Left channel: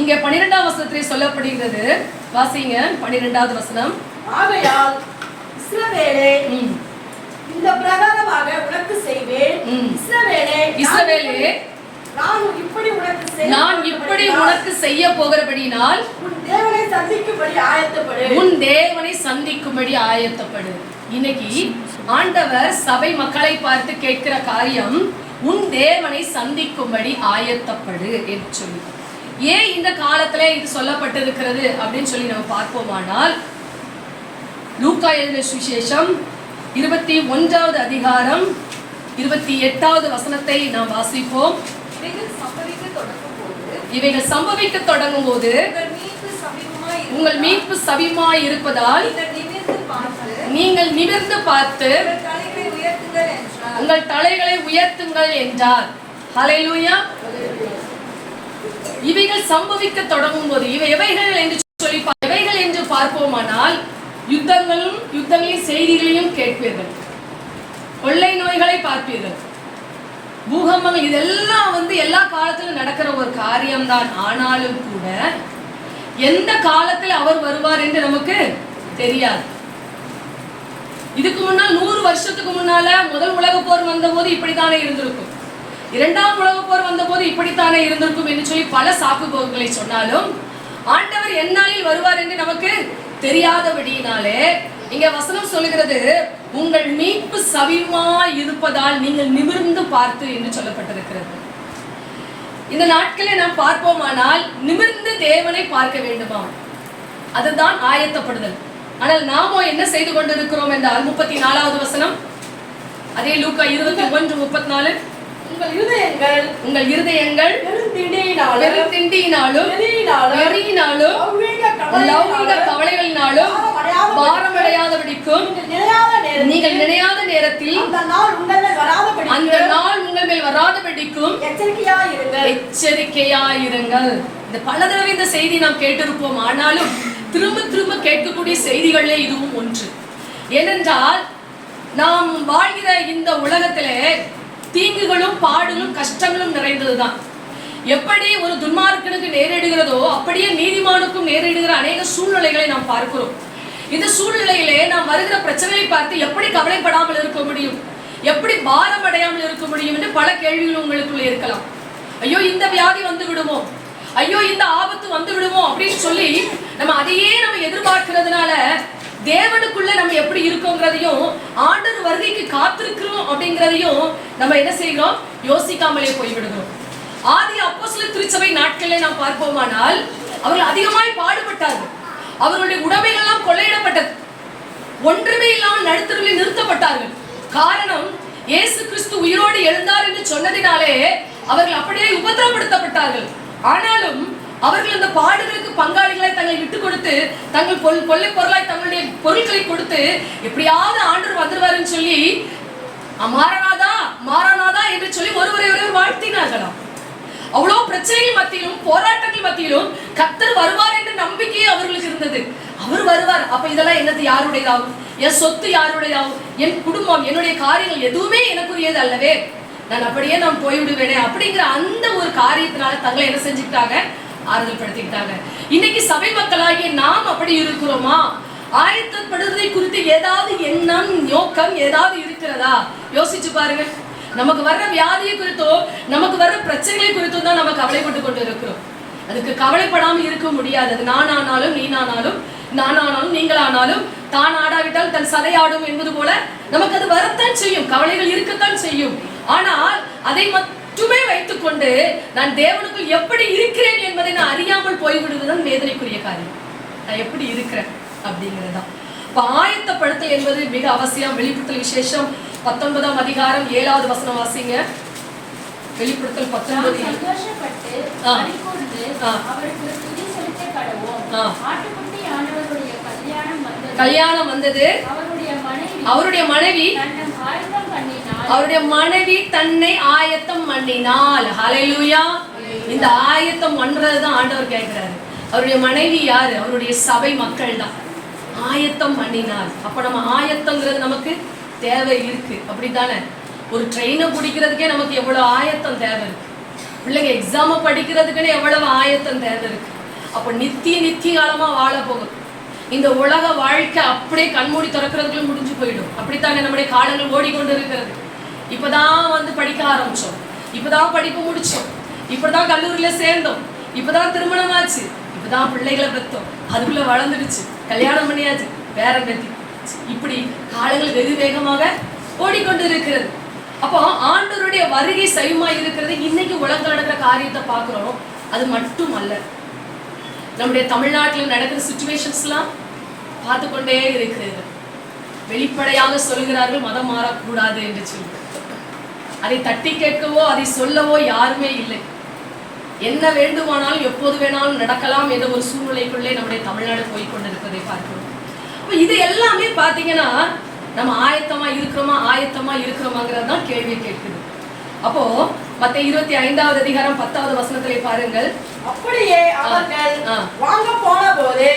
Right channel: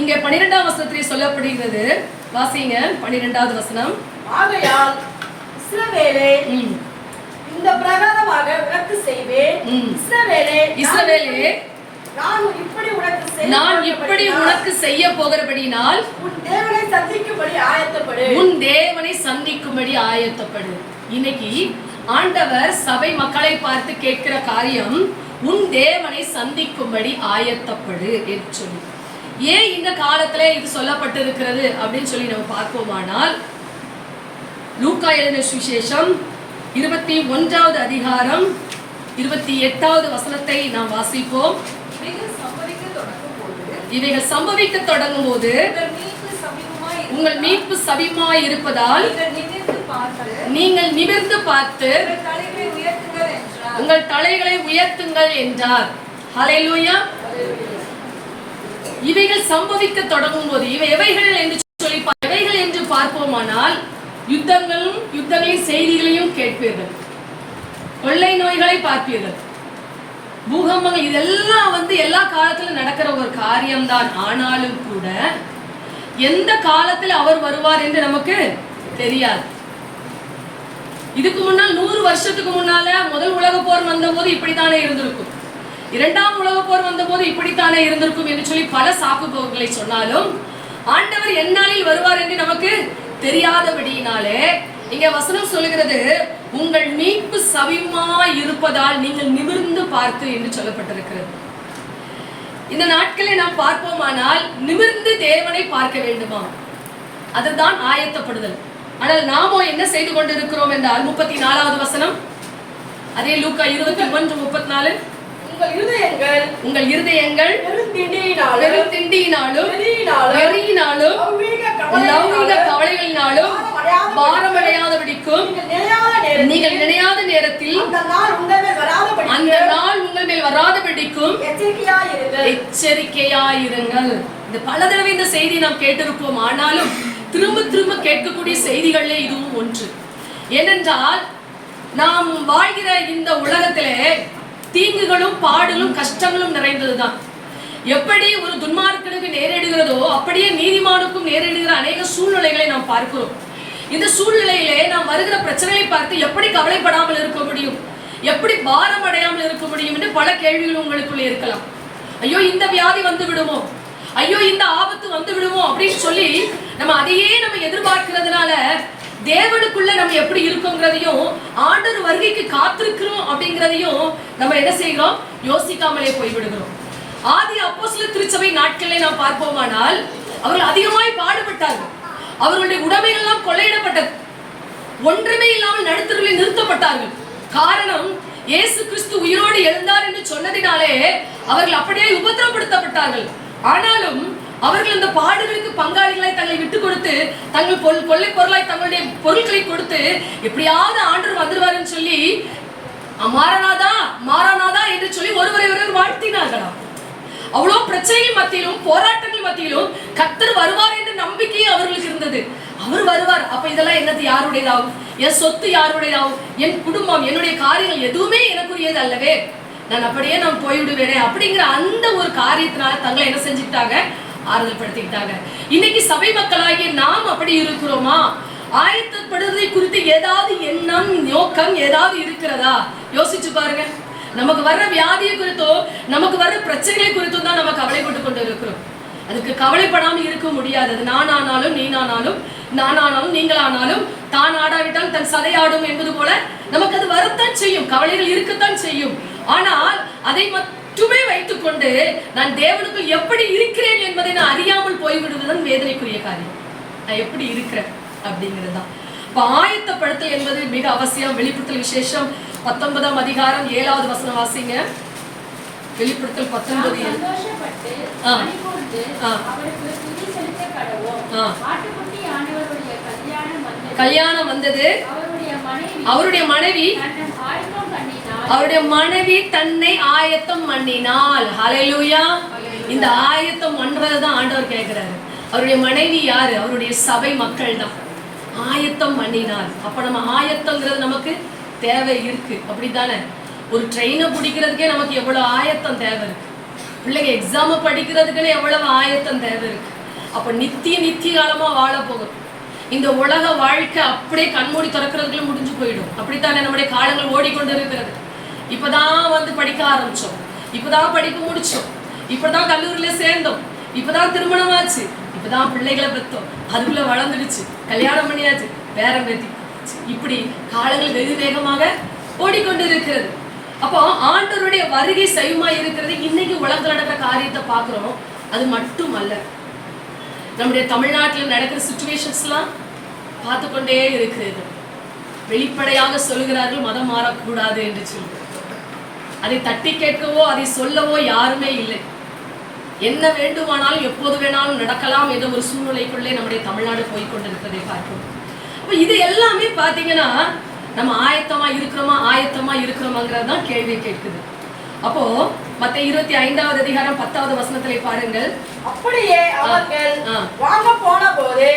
இங்க 12ஆம் வசனத்திலே சொல்லப்படுகிறது. வாசிங்க 12வது வசனம். ஆகையால் இஸ்ரவேலே, இந்த பிரகாரமாக உனக்கு செய்வேன். இஸ்ரவேலே, நான் இப்படி உனக்கு செய்ய போகிறபடினால் உன் தேவனை சந்திக்கும்படி ஆயத்தப்படு. உன் தேவனை சந்திக்கும்படி ஆயத்தப்படு. இன்னைக்கு ஆண்டவர் சபை மக்களை பார்த்து கேட்கிற காரியம், உன் தேவனை சந்திக்கும்படி ஆயத்தப்படு என்று சொல்லி. ஏன் இந்த காலத்துல இது சொல்லப்பட்டிருக்கிறது அப்படின்னு சொல்லி நம்ம பார்ப்போமானால், லூக்கா எழுதின சுவிசேஷம் 21வது அதிகாரம் 28வது வசனத்தை நாம் வாசிப்போம். இவைகள் சம்பவிக்க தொடங்கும் போது உங்கள் மீட்பு சமீபமாய் இருப்பதால் நீங்கள் நிமிர்ந்து பார்த்து உங்கள் தலைகளை உயர்த்துங்கள் என்றார். ஹல்லேலூயா. இவைகள் சம்பவிக்க தொடங்கும் போது இவை எவைகள் என்று சொல்லி எவைகள் என்று பார்ப்போமானால், யுத்தங்களின் செய்திகளையும் கேட்பீர்கள், கொள்ளை நோய்களை பார்ப்பீர்கள், பூகம்பங்கள், இதெல்லாம் எல்லா காலத்திலும் நடக்கிற ஒரு காரியம்தான். ஆனாலும் கூட எந்த காலத்தில் அவர் வருவார் என்று நமக்கு தெரியாது. இதுக்கு முன்னால் 100 வருஷத்துக்கு முன்னால முதல் உலக போர் வந்த போது இப்படித்தானே இருந்திருக்கும், 2ஆம் உலக போர் வந்த போது இப்படித்தானே இருந்திருக்கும் என்று சொல்லி பல சாக்கு போக்குகளை சொன்னாலும், ஆண்டவர் எந்நாளில் வருவார் என்று நமக்கு தெரியாதபடியினாலே இங்க வசனம் சொல்லுகிறது, உங்கள் மீட்பு சமீபமாய் இருப்பதால் நீங்கள் நிமிர்ந்து பார்த்து என்று சொல்லப்பட்டிருக்கிறது. இந்த நாட்களை நாம் பார்ப்போமானால் நிமிர்ந்து தேவனை பார்க்க வேண்டுமா, அதுதான் ஆயத்தப்படுதல். ஆனால் நாமோ என்ன செய்து கொண்டிருக்கிறோம் என்றால், 34வது வசனம், அதே லூக்கா 21:34, உங்கள் இருதயங்கள் பெருந்திண்டியினாலும் வெறியினாலும் லௌகிக கவலைகளினாலும் பாரமடையாதபடிக்கும் நீங்கள் நினையாத நேரத்தில் அந்த நாள் உங்கள் மேல் வராதபடிக்கும் எச்சரிக்கையாயிருங்கள். இந்த பல தடவை இந்த செய்தி நாம் கேட்டிருப்போம். ஆனாலும் திரும்ப திரும்ப கேட்கக்கூடிய செய்திகளே இதுவும் ஒன்று. ஏனென்றால் நாம் வாழ்கிற இந்த உலகத்திலே தீங்குகளும் பாடுகளும் கஷ்டங்களும் நிறைந்ததுதான். எப்படி ஒரு துன்மார்க்கனுக்கு நேரிடுகிறதோ அப்படியே நீதிமானுக்கும் நேரிடுகிற அநேக சூழ்நிலைகளை நாம் பார்க்கிறோம். இந்த சூழ்நிலையிலே நாம் வருகிற பிரச்சனைகளை பார்த்து எப்படி கவலைப்படாமல் இருக்க முடியும், எப்படி பாரம் அடையாமல் இருக்க முடியும் என்று பல கேள்விகள் உங்களுக்குள்ளே இருக்கலாம். ஐயோ இந்த வியாதி வந்து விடுமோ, ஐயோ இந்த ஆபத்து வந்து விடுமோ அப்படின்னு சொல்லி அதையே நம்ம எதிர்பார்க்கிறதுனால தேவனுக்குள்ள நம்ம எப்படி இருக்கோங்கிறதையும், ஆண்டவர் வருகைக்கு காத்திருக்கிறோம் அப்படிங்கிறதையும் நம்ம என்ன செய்கிறோம், யோசிக்காமலே போய்விடுகிறோம். ஆதி அப்போஸ்தலர் திருச்சபை நாட்களிலே நாம் பார்ப்போமானால், அவர்கள் அதிகமாய் பாடுபட்டார்கள். அவர்களுடைய உடைமைகள் எல்லாம் கொள்ளையிடப்பட்டது. ஒன்றுமே இல்லாமல் நடுத்தருவில் நிறுத்தப்பட்டார்கள். காரணம், இயேசு கிறிஸ்து உயிரோடு எழுந்தார் என்று சொன்னதினாலே அவர்கள் அப்படியே உபத்திரப்படுத்தப்பட்டார்கள். ஆனாலும் அவர்கள் அந்த பாடுகளுக்கு பங்காளிகளாய் தங்களை விட்டு கொடுத்து, தங்கள் கொள்ளை பொருளாய் தங்களுடைய பொருட்களை கொடுத்து, எப்படியாவது ஆண்டவர் வந்துருவாருன்னு சொல்லி மாரநாதா மாரநாதா என்று சொல்லி ஒருவரை வாழ்த்தினார்களாம். அவ்வளோ பிரச்சனைகள் மத்தியிலும் போராட்டங்கள் மத்தியிலும் கர்த்தர் வருவார் என்ற நம்பிக்கையே அவர்களுக்கு இருந்தது. அவர் வருவார், அப்ப இதெல்லாம் என்னது, யாருடையதாகும், என் சொத்து யாருடையதாகும், என் குடும்பம், என்னுடைய காரியங்கள் எதுவுமே எனக்குரியது அல்லவே, நான் அப்படியே நான் போய்விடுவேனே அப்படிங்கிற அந்த ஒரு காரியத்தினால தங்களை என்ன செஞ்சுக்கிட்டாங்க, ஆறுதல் படுத்திக்கிட்டாங்க. இன்னைக்கு சபை மக்களாகிய நாம் அப்படி இருக்கிறோமா? ஆயத்தப்படுவதை குறித்து ஏதாவது எண்ணம் நோக்கம் ஏதாவது இருக்கிறதா? யோசிச்சு பாருங்க. நமக்கு வர்ற வியாதியை குறித்தோ நமக்கு வர்ற பிரச்சனைகளை குறித்தோ தான் நம்ம கவலைப்பட்டு கொண்டு இருக்கிறோம். அதுக்கு கவலைப்படாமல் இருக்க முடியாது. அது நானானாலும் நீனானாலும் நானானாலும் நீங்களானாலும் தான் ஆடாவிட்டால் தன் சதை ஆடும் என்பது போல நமக்கு அது வரத்தான் செய்யும், கவலைகள் இருக்கத்தான் செய்யும். ஆனால் அதை மட்டுமே வைத்துக் கொண்டு நான் தேவனுக்குள் எப்படி இருக்கிறேன் என்பதை நான் அறியாமல் போய்விடுவதுதான் வேதனைக்குரிய காரியம். நான் எப்படி இருக்கிறேன் அப்படிங்கிறது தான். இப்ப ஆயத்தப்படுத்தல் என்பது மிக அவசியம். வெளிப்படுத்தல் விசேஷம் 19ஆம் அதிகாரம் 7வது வசனம் வாசிங்க. வெளிப்படுத்தல் 19. கல்யாணம் வந்தது. அவருடைய மனைவி தன்னை ஆயத்தம் பண்ணினாள். ஹல்லேலூயா. இந்த ஆயத்தம் பண்றதுதான் ஆண்டவர் கேட்கிறாரு. அவருடைய மனைவி யாரு? அவருடைய சபை மக்கள் தான். ஆயத்தம் பண்ணினாள். அப்ப நம்ம ஆயத்தம்ங்கிறது நமக்கு தேவை இருக்கு, அப்படித்தானே? ஒரு ட்ரெயினை பிடிக்கிறதுக்கே நமக்கு எவ்வளவு ஆயத்தம் தேவை இருக்கு. பிள்ளைங்க எக்ஸாம படிக்கிறதுக்குன்னு எவ்வளவு ஆயத்தம் தேவை இருக்கு. அப்ப நித்திய காலமா வாழ போகும். இந்த உலக வாழ்க்கை அப்படியே கண்மூடி திறக்கிறதுக்குள்ள முடிஞ்சு போயிடும். அப்படித்தானே நம்முடைய காலங்கள் ஓடிக்கொண்டு இருக்கிறது. இப்பதான் படிக்க ஆரம்பிச்சோம், இப்பதான் படிப்பு முடிச்சோம், இப்பதான் கல்லூரியில சேர்ந்தோம், இப்பதான் திருமணம் ஆச்சு, இப்பதான் பிள்ளைகளை பெற்றோம், அதுக்குள்ள வளர்ந்துடுச்சு, கல்யாணம் பண்ணியாச்சு, பேரம் பேத்தி, இப்படி காலங்கள் வெகு வேகமாக ஓடிக்கொண்டு இருக்கிறது. அப்போ ஆண்டவருடைய வருகை சைவமா இருக்கிறது. இன்னைக்கு உலகத்தில் நடக்கிற காரியத்தை பார்க்கிறோம். அது மட்டும் அல்ல, நம்முடைய தமிழ்நாட்டில் நடக்கிற சிச்சுவேஷன்ஸ்லாம் பார்த்து கொண்டே இருக்கிறது. வெளிப்படையாக சொல்லுகிறார்கள் மதம் மாறக்கூடாது என்று சொல்லி. அதை தட்டி கேட்கவோ அதை சொல்லவோ யாருமே இல்லை. என்ன வேண்டுமானாலும் எப்போது வேணாலும் நடக்கலாம் என்ற ஒரு சூழ்நிலைக்குள்ளே நம்முடைய தமிழ்நாடு போய்கொண்டிருக்கிறதை பார்க்கணும். அப்போ இது எல்லாமே பார்த்தீங்கன்னா நம்ம ஆயத்தமா இருக்கிறோமாங்கிறது தான் கேள்வி கேட்குது. அப்போ மத்தேயு 25வது அதிகாரம் 10வது வசனத்திலே பாருங்கள். அப்படியே அவர்கள் வாங்க போன போது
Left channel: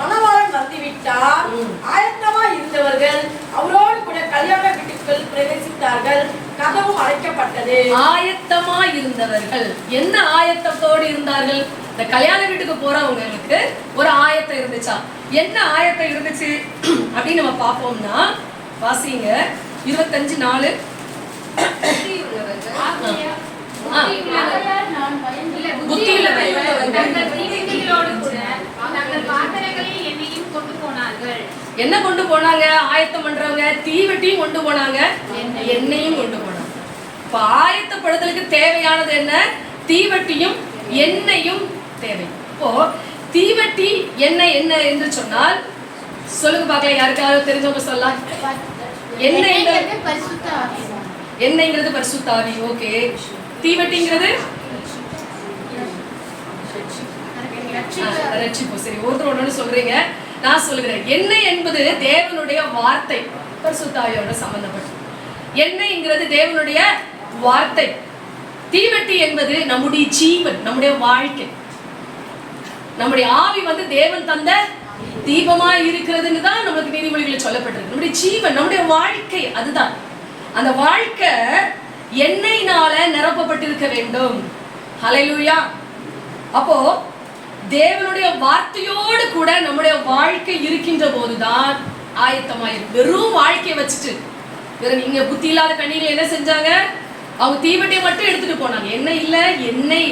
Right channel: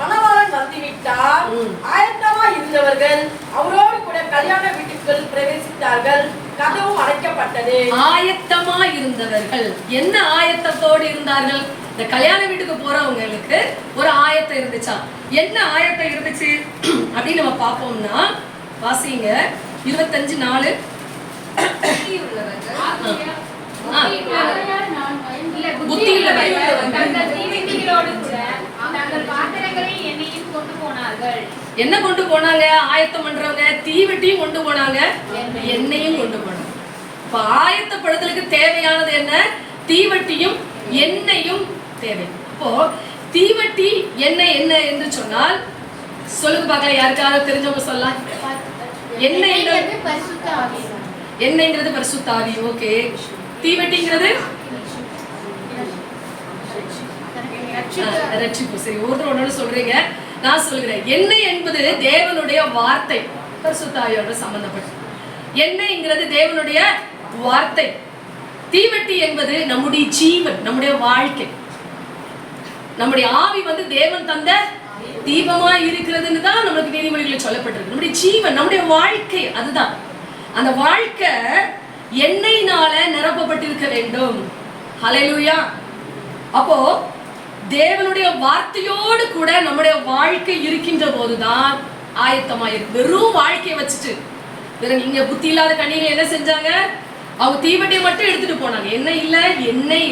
மணவாளன் வந்துவிட்டார். ஆயத்தமா இருந்தவர்கள் அவரோடு கூட கல்யாண வீட்டுக்குள் பிரவேசித்தார்கள். கதவும் அடைக்கப்பட்டது. ஆயத்தமா இருந்தவர்கள் என்ன ஆயத்தத்தோடு இருந்தார்கள்? இந்த கல்யாண வீட்டுக்கு போறவங்களுக்கு ஒரு ஆயத்தம் இருந்துச்சா? என்ன ஆயத்தம் இருந்துச்சு அப்படின்னு நம்ம பார்ப்போம்னா, வாசிங்க 25:4. என்ன கொண்டு போனாங்க? ஆயத்தம் பண்றவங்க தீவெட்டியும் கொண்டு போனாங்க, எண்ணெயும் கொண்டு போனாங்க. இப்ப ஆயத்தப்படுதலுக்கு தேவையானது என்ன? தீவெட்டியும் எண்ணெயும் தேவை. இப்போ தீவெட்டி எண்ணெய் என்ன என்று சொன்னால் சொல்லுங்க பார்க்கலாம், யாருக்காவது தெரிஞ்சவங்க சொல்லலாம். எண்ணெய்ங்கிறது பரிசுத்த ஆவி. ஓகே. தீவெட்டிங்கிறது ரட்சிப்பு. சரி, ஒருத்தர் ஒண்ணு சொல்றீங்க, நான் சொல்லுகிறேன். எண்ணெய் என்பது தேவனுடைய வார்த்தை, பரிசுத்த ஆவியோட சம்பந்தப்பட்ட. எண்ணெய்ங்கிறது தேவனுடைய வார்த்தை. தீவெட்டி என்பது நம்முடைய ஜீவன், நம்முடைய வாழ்க்கை. நம்முடைய ஆவி தேவன் தந்த தீபமா இருக்கிறதுன்னு தான் நம்மளுக்கு நீதிமொழிகளில் சொல்லப்பட்டிருக்கு. நம்முடைய ஜீவன், நம்முடைய வாழ்க்கை, அதுதான். அந்த வாழ்க்கை எண்ணெயினால நிரப்பப்பட்டிருக்க வேண்டும். ஹல்லேலூயா. அப்போ தேவனுடைய வார்த்தையோடு கூட நம்முடைய வாழ்க்கை இருக்கின்ற போதுதான் ஆயத்தமாயிருக்கு. வெறும் வாழ்க்கையை வச்சுட்டு இங்க புத்தி இல்லாத கண்ணீர் என்ன செஞ்சாங்க? அவங்க தீவெட்டியை மட்டும் எடுத்துட்டு போனாங்க. எண்ணெய்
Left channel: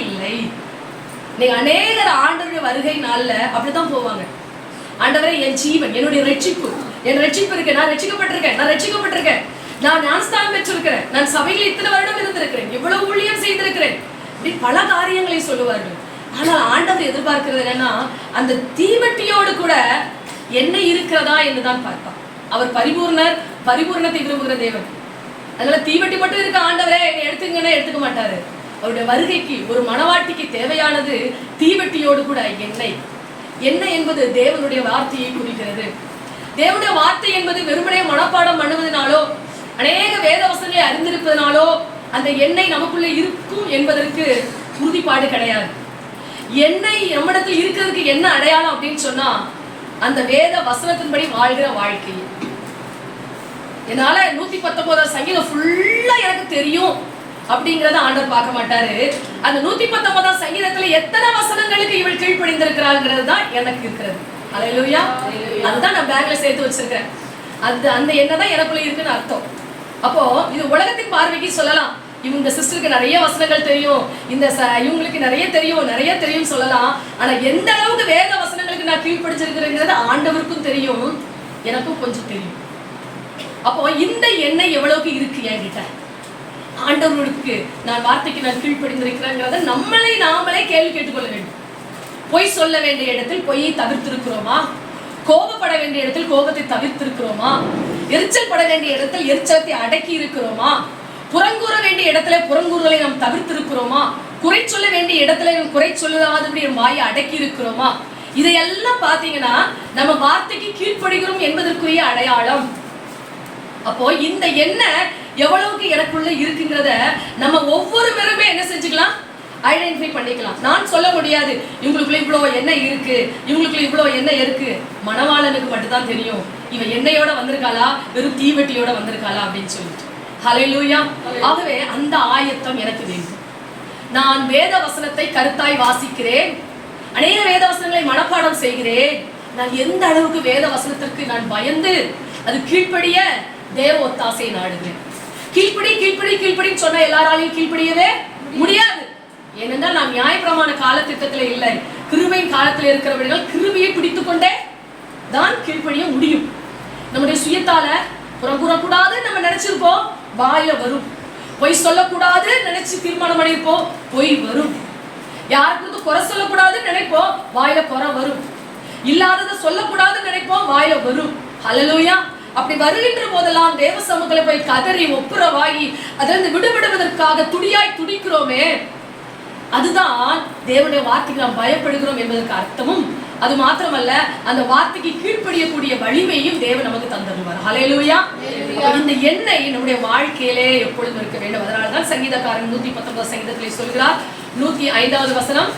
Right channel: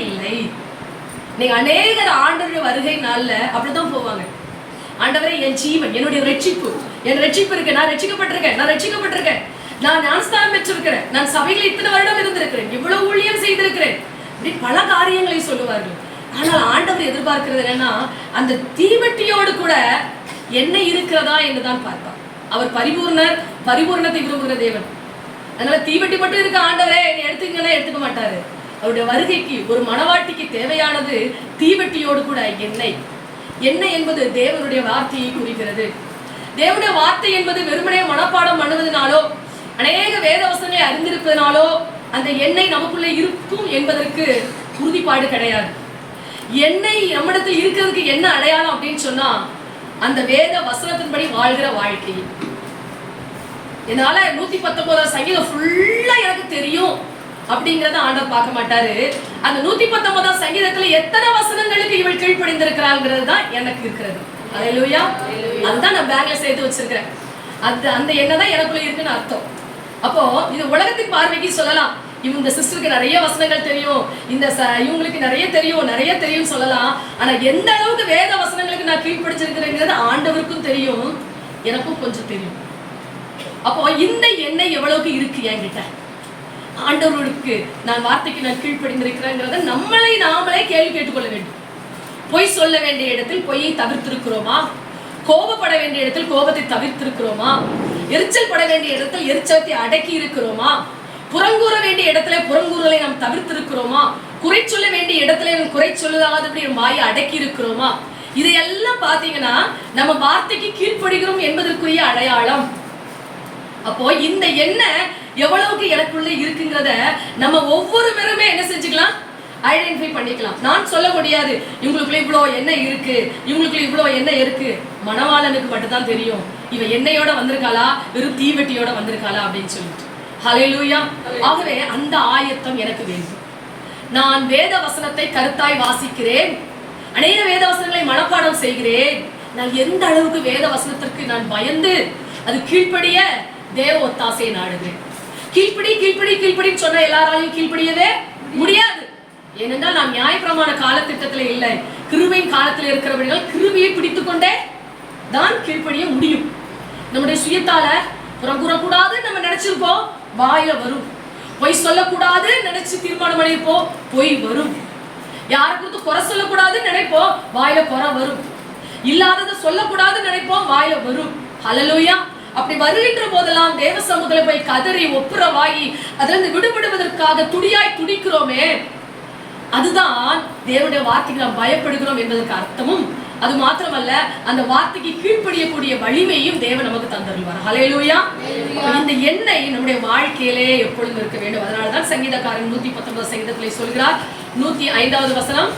இல்லை. நீங்க அநேகர் ஆண்டவருடைய வருகை நாள்ல அப்படிதான் போவாங்க. ஆண்டவரே, என் ஜீவன், என்னுடைய ரட்சிப்பு, என் ரட்சிப்பு இருக்கு, நான் ரட்சிக்கப்பட்டிருக்கேன், நான் ஞானஸ்தானம் பெற்றிருக்கிறேன், நான் சபையில் இத்தனை வருடம் இருந்திருக்கிறேன், இவ்வளவு ஊழியம் செய்திருக்கிறேன், இப்படி பல காரியங்களை சொல்லுவார்கள். ஆனால் ஆண்டவர் எதிர்பார்க்கிறது என்னன்னா, அந்த தீவெட்டியோடு கூட என்ன இருக்கிறதா என்றுதான் பார்ப்பார். அவர் பரிபூர்ணத்தை விரும்புகிற தேவன். அதனால தீவெட்டி மட்டும் இருக்க ஆண்டவரே என்னை எடுத்துங்கன்னா எடுத்துக்க மாட்டாரு. அவருடைய வருகைக்கு ஒரு மணவாட்டிக்கு தேவையானது தீவெட்டியோடு கூட எண்ணெய். எண்ணெய் என்பது தேவனுடைய வார்த்தையை குறிக்கிறது. தேவனுடைய வார்த்தை என்பது வெறுமனே மனப்பாடம் பண்ணுவதனாலோ அநேக வேத வசனங்களை அறிந்திருப்பதனாலோ அந்த எண்ணெய் நமக்குள்ளே இருக்கும் என்பதற்கு உறுதிப்பாடு கிடையாது. எண்ணெய் நம்மிடத்தில் இருக்கிறதுக்கு என்ன அடையாளம் அப்படின்னு சொன்னா, அந்த வேத வசனத்தின்படி வாழ்கிற வாழ்க்கை. என்னால 119 சங்கீதம் ஃபுல்லா எனக்கு தெரியும் அப்படிங்கறத ஆண்டவர் பார்க்க மாட்டாரு. அந்த 119 சங்கீதத்துல எத்தனை வசனங்களுக்கு இவள் கீழ்ப்படிந்திருக்கிறாங்கிறது தான் எனக்கு இருக்கிறது. ஹல்லேலூயா. அதுதான் நான் பேங்க்ல சேர்த்து வச்சிருக்கிறேன். அந்த எண்ணெய் தான் எனக்குள்ள இருக்குன்னு அர்த்தம். அப்போ இது உலகத்தின் பார்வைக்கு சொல்லலாம், இவங்க சிஸ்டருக்கு நிறைய வசனங்கள் தெரியும், இவங்களுக்கு நிறைய தெரியும் சொல்லலாம். ஆனா எந்த அளவுக்கு வேத வசனங்களுக்கு நான் கீழ்ப்படிச்சிருக்கிறேங்கிறது ஆண்டவருக்கும் தெரியும், எனக்கும் கொஞ்சம் தெரியும். அப்போ இந்த எண்ணெய் எவ்வளவுக்கு இருக்கு என்கிட்ட? ஆண்டவருக்கு நான் வார்த்தைக்கு நான் கீழ்ப்படிந்திருக்கிறேங்கிறத நாமளே கேள்வி கேட்டுக்கொள்ள வேண்டும். பொய் சொல்ல வேண்டிய இடத்தில் பொய்யை தவிர்த்திருக்கிறோமா? கோபப்பட வேண்டிய இடத்தில் கோபத்தை தவிர்த்திருக்கிறோமா? எரிச்சல் பட வேண்டிய இடத்தில் எரிச்சலத்தை அடக்கி இருக்கிறோமா? புறங்கூற வேண்டிய இடத்துல புறங்கூறுகளை நாம் தவிர்த்திருக்கிறோமா? குறை சொல்ல வேண்டிய இடத்துல குறை சொல்லாதபடி வாயை அடக்கி இருக்கிறோமா? இதையெல்லாம் பாத்தீங்கன்னா நம்ம வார்த்தைக்கு கீழ்ப்படுகிறோம் என்பதற்குரிய அடையாளம். அப்போ இந்த எண்ணெய் எவ்வளவுக்கு எனக்குள்ள இருக்குங்கிறத நம்ம ஒவ்வொருவருமே என்ன செஞ்சுக்கலாம்? ஐடென்டிஃபை பண்ணிக்கலாம். நான் சொல்ல முடியாது இவங்களுக்குள்ள இவ்வளோ எண்ணெய் இருக்கு, இவங்களுக்குள்ள இவ்வளோ எண்ணெய் இருக்கு. மணவாளனுக்கு மட்டும்தான் தெரியும் இவன் எண்ணெயோட வந்திருக்காளா வெறும் தீவெட்டியோட வந்திருக்காளா அப்படின்னு சொல்லிட்டு. ஹல்லேலூயா. ஆகவே அந்த ஆயத்தம் எனக்கு வேண்டும். நான் வேத வசனத்தை கருத்தாய் வாசிக்கிறேன், அநேக வேத வசனங்களை மனப்பாடம் செய்கிறேன். நான் எந்த அளவுக்கு வேத வசனத்திற்கு நான் பயந்து அது கீழ்ப்படிய தேவ ஒத்தாசையை நாடுகிறேன். கீழ்ப்படி கீழ்ப்படி கீழ்ப்படின்னு சொன்னா எல்லாராலையும் கீழ்ப்படியவே முடியாது. ஏனென்றால் நான் நியாயப்பிரமாண காலத்திட்டத்தில் இல்லை, கிருபையின் காலத்தில் இருக்கிறவர்கள் கிருபையை பிடித்துக் கொண்டே தான் கீழ்ப்படிய முடியும். நம்முடைய சுயத்தால புறம் கூறக்கூடாது நம்ம நினைச்சிருப்போம், வாயில வரும். பொய் சொல்லக்கூடாது நினைச்சு தீர்மானம் பண்ணிருப்போம், பொய் வரும். யாருக்கு குறை சொல்லக்கூடாதுன்னு நினைப்போம், வாயில குறை வரும். இல்லாததை சொல்லக்கூடாதுன்னு நினைப்போம், வாயில வரும். ஹல்லேலூயா. அப்படி வருகின்ற போதெல்லாம் தேவ சமூகத்துல போய் கதறி ஒப்புரவாகி அதிலிருந்து விடுபடுவதற்காக துடியாய் துடிக்கிறோமே, அதுதான் தேவனுடைய வார்த்தைக்கு நாம் பயப்படுகிறோம் என்பதற்கு அர்த்தமும். அது மாத்திரமல்ல, அந்த வார்த்தைக்கு கீழ்ப்படியக்கூடிய வலிமையும் தேவன் நமக்கு தந்தருவார். ஹல்லேலூயா. இந்த எண்ணெய் நம்முடைய வாழ்க்கையிலே எப்பொழுதும் இருக்க வேண்டும். அதனால்தான் சங்கீதக்காரன் 119 சங்கீதத்திலே சொல்கிறார், 105வது வசனம்,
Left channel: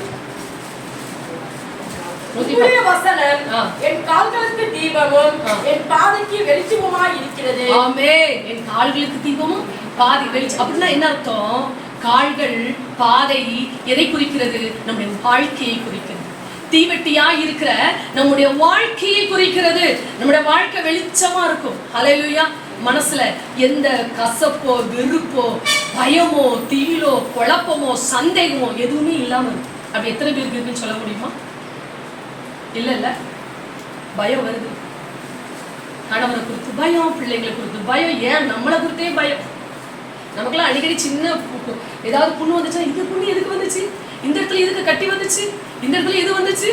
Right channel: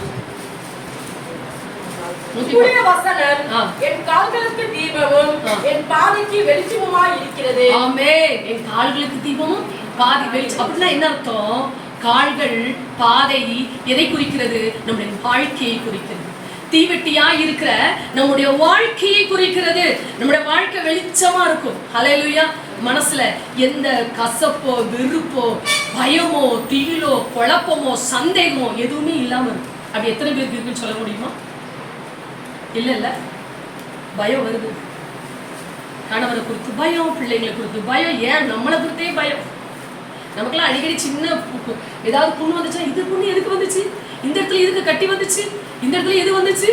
என் கால்களுக்கு தீபமும் என் பாதைக்கு வெளிச்சமுமாய் இருக்கிறது. ஆமென். என் கால்களுக்கு தீபமும் பாதை வெளிச்சம். அப்படின்னா என்ன அர்த்தம்? கால்கள் பாதை எதை குறிக்கிறது? நம்முடைய வாழ்க்கையை குறிக்கிறது. தீவெட்டியா இருக்கிற நம்முடைய வாழ்க்கையை குறிக்கிறது. நம்முடைய வாழ்க்கை வெளிச்சமா இருக்கும். ஹல்லேலூயா. மனசுல எந்த கசப்போ வெறுப்போ பயமோ திகிலோ குழப்பமோ சந்தேகமோ எதுவுமே இல்லாம இருக்கும். அப்படி எத்தனை பேருக்கு இருக்குன்னு சொல்ல முடியுமா? இல்ல இல்ல, பயம் வருது. கணவரை குறித்து பயம், பிள்ளைங்களை குறித்து பயம், ஏன் நம்மளை குறித்தே பயம். நமக்கெல்லாம் அடிக்கடி சின்ன ஏதாவது புண்ணு வந்துச்சா, இது புண்ணு எதுக்கு வந்துச்சு, இந்த இடத்துல எதுக்கு கட்டி வந்துச்சு, இந்த இடத்துல எது வந்துச்சு,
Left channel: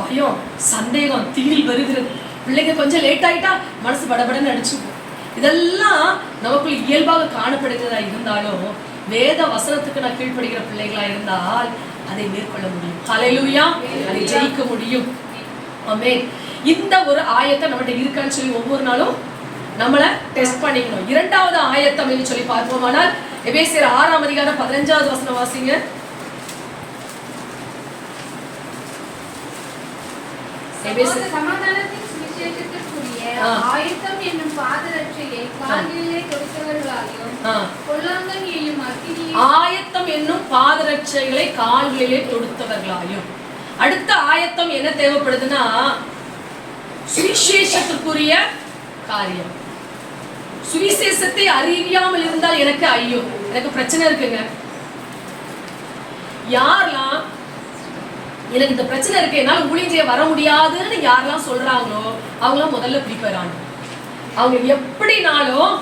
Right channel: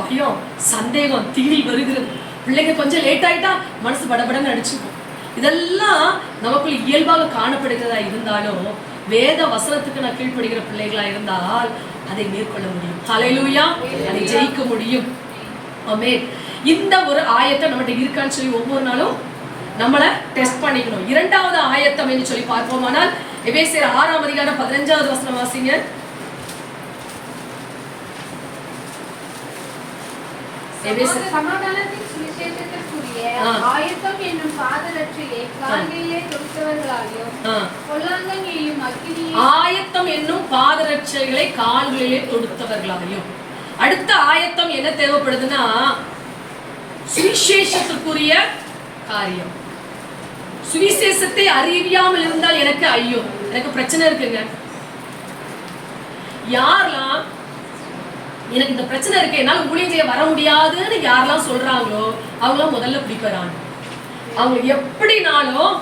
பயம் சந்தேகம் திகில் வருகிறது. பிள்ளைங்க கொஞ்சம் லேட் ஆயிட்டா மனசு படபடன்னு அடிச்சுக்கும். இதெல்லாம் நமக்குள்ள இயல்பாக காணப்படுகிறதா இருந்தாலும் வேத வசனத்துக்கு நான் கீழ்ப்படுகிற பிள்ளைகளா இருந்தால் அதை மேற்கொள்ள முடியும். ஹல்லேலூயா. அதை ஜெயிக்க முடியும். ஆமென். இந்த ஒரு ஆயத்தை நம்மகிட்ட இருக்கான்னு சொல்லி ஒவ்வொரு நாளும் நம்மளை டெஸ்ட் பண்ணிக்கணும். இரண்டாவது ஆயத்தம் என்று சொல்லி பார்ப்போமானால் எபேசியர் 6ஆம் அதிகாரம் 15வது வசனம் வாசிங்க. சமாதானத்தின் சுவிசேஷத்திற்குரிய ஆயத்தம் என்னும் பாதரட்சையை கால்களிலே தொடுத்தவர்களாயும் பொல்லாங்கண்ணியையும் அக்கினியையும். ஆயத்தம் என்னும் பாதரட்சைகளை கால்களிலே தொடுத்தவர்களாயும். அடுத்த ஆயத்தம் என்ன தேவைப்படுதுன்னா சுவிசேஷத்திற்குரிய காரியம். சுவிசேஷத்தை அறியாமல் இருந்தால் எனக்கு ஐயோ, எனக்கு பிரச்சனை இருக்குங்க. யாரெல்லாம் எனக்கு இந்த பிரச்சனை இருக்கு, என்னால ஊழியம் செய்ய வர முடியாதுன்னு யாரெல்லாம் சொல்றாங்களோ அவங்களாம் முதல்ல பிடிக்கிறாங்க. அவங்க எப்படினாலும்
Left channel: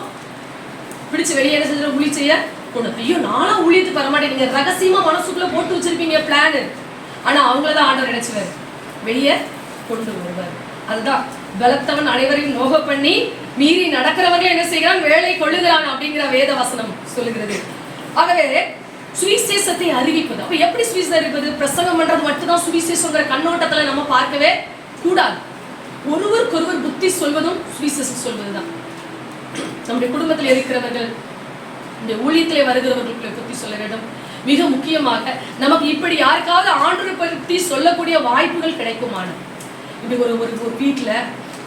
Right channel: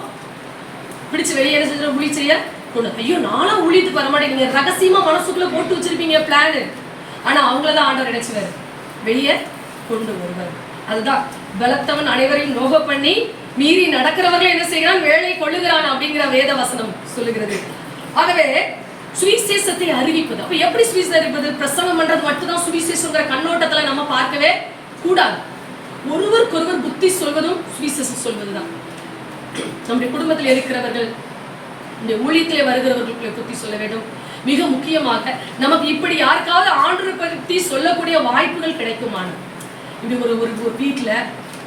பிடிச்சு வெளியே என்ன செஞ்சு ஊழியம் செய்ய கொண்டு, ஐயோ நானும் ஊழியத்துக்கு வர மாட்டேங்க, ரகசியமா மனசுக்குள்ள போட்டு வச்சிருப்பீங்க பிளான். ஆனா அவங்களதான் ஆண்டவர் நினைச்சுவாரு வெளியே கொண்டு வருவார். அதுதான் பலத்தவன் அனைவரையும் நோக பண்ணி மீறி நடக்கிறவர்கள் என்ன செய்கிறான், வேலை கொள்ளுகிறான் அப்படிங்கிற வேத வசனம் சொல்லுகிறது. ஆகவே சுவிசேஷத்தை அறிவிப்பது. அப்ப எப்படி சுவிசேஷம் அறிவிப்பது? பிரசங்கம் பண்றது மட்டும்தான் சுவிசேஷங்கிற கண்ணோட்டத்துல நம்ம பார்க்கவே கூடாது. ஒருவருக்கொருவர் புத்தி சொல்வதும் சுவிசேஷம் சொல்வதுதான். நம்முடைய குடும்பத்தில் இருக்கிறவர்கள், இந்த ஊழியத்திலே வருகிறவர்களுக்கு புத்தி சொல்ல வேண்டும். மிக முக்கியமாக நமக்கு இப்படி யாருக்காவது ஆண்டவரை பற்றி சொல்லக்கூடிய வாய்ப்புகள் கிடைக்குமான, இப்படி ஒரு வீட்டுல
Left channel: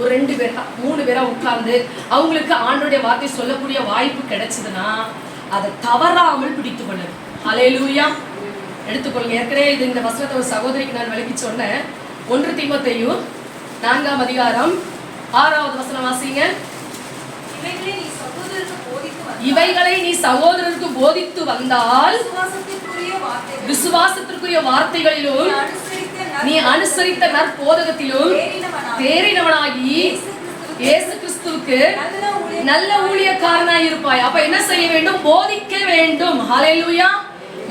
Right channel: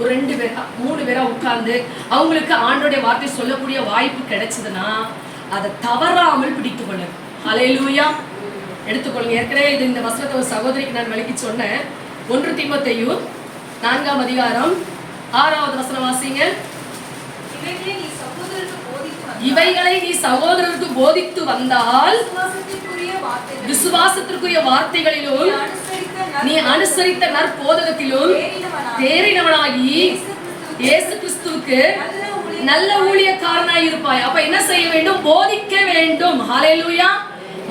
ஒரு 2 பேரா 3 பேரா உட்கார்ந்து அவங்களுக்கு ஆண்டவருடைய வார்த்தை சொல்லக்கூடிய வாய்ப்பு கிடைச்சதுன்னா அதை தவறாமல் பிடித்து கொள்ளு. ஹல்லேலூயா. எடுத்துக்கொள்ளுங்க. ஏற்கனவே இது இந்த வசனத்தை ஒரு சகோதரிக்கு நான் விளக்கி சொன்னேன். 1 தீமோத்தேயு 4ஆம் அதிகாரம் 6வது வசனம் வாசிங்க. இவைகளை நீ சகோதரருக்கு போதித்து வந்தால் விசுவாசத்திற்குரிய வார்த்தைகளிலும் நீ அனுசரித்த நற்போதகத்திலும் தேறினவனாகி இயேசு கிறிஸ்துவுக்கு நல்ல ஊழியக்காரனாய் இருப்பாய். அப்ப என்ன செய்ய வேண்டும்? போதிக்க வேண்டும். ஹல்லேலூயா.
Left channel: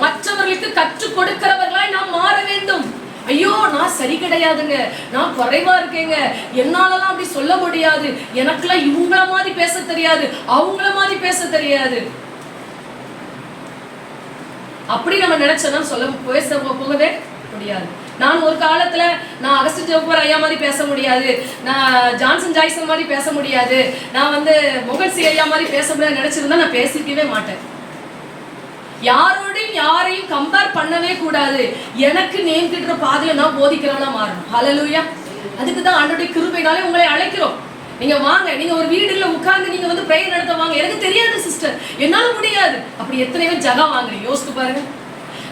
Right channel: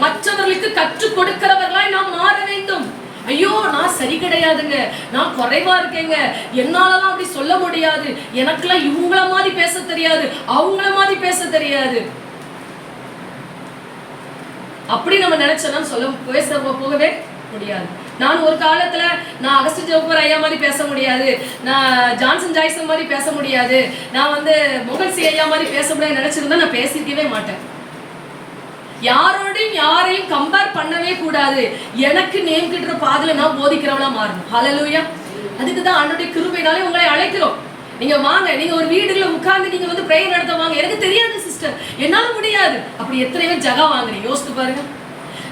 மற்றவர்களுக்கு கற்றுக் கொடுக்கிறவர்களாய் நாம் மாற வேண்டும். ஐயோ நான் சரி கிடையாதுங்க, நான் குறைவா இருக்கேங்க, என்னாலலாம் அப்படி சொல்ல முடியாது, எனக்குலாம் இவங்கள மாதிரி பேச தெரியாது, அவங்கள மாதிரி பேச தெரியாது, அப்படி நம்ம நினைச்சோம்னா சொல்ல போகவே முடியாது. நான் ஒரு காலத்துல நான் அகஸ்டின் ஜோப்பர் ஐயா மாதிரி பேச முடியாது, நான் ஜான்சன் ஜாய்சன் மாதிரி பேச முடியாது, நான் மொகன்சி ஐயா மாதிரி பேச முடியாது நினைச்சிருந்தா நான் பேசிக்கவே மாட்டேன். யாரோடையும் யாரையும் கம்பேர் பண்ணவே கூடாது. எனக்கு நேர்கின்ற பாதையில நான் போதிக்கிறவளா மாறணும். ஹல்லேலூயா. அதுக்கு தான் ஆண்டவருடைய கிருபையினாலே உங்களை அழைக்கிறோம். நீங்க வாங்க, நீங்க ஒரு வீடுல உட்கார்ந்து நீங்க பிரேயர் நடத்த வாங்க. எனக்கு தெரியாது சிஸ்டர், என்னால முடியாது, அப்படி எத்தனை பேர் ஜகா வாங்குறீங்க யோசித்து பாருங்க.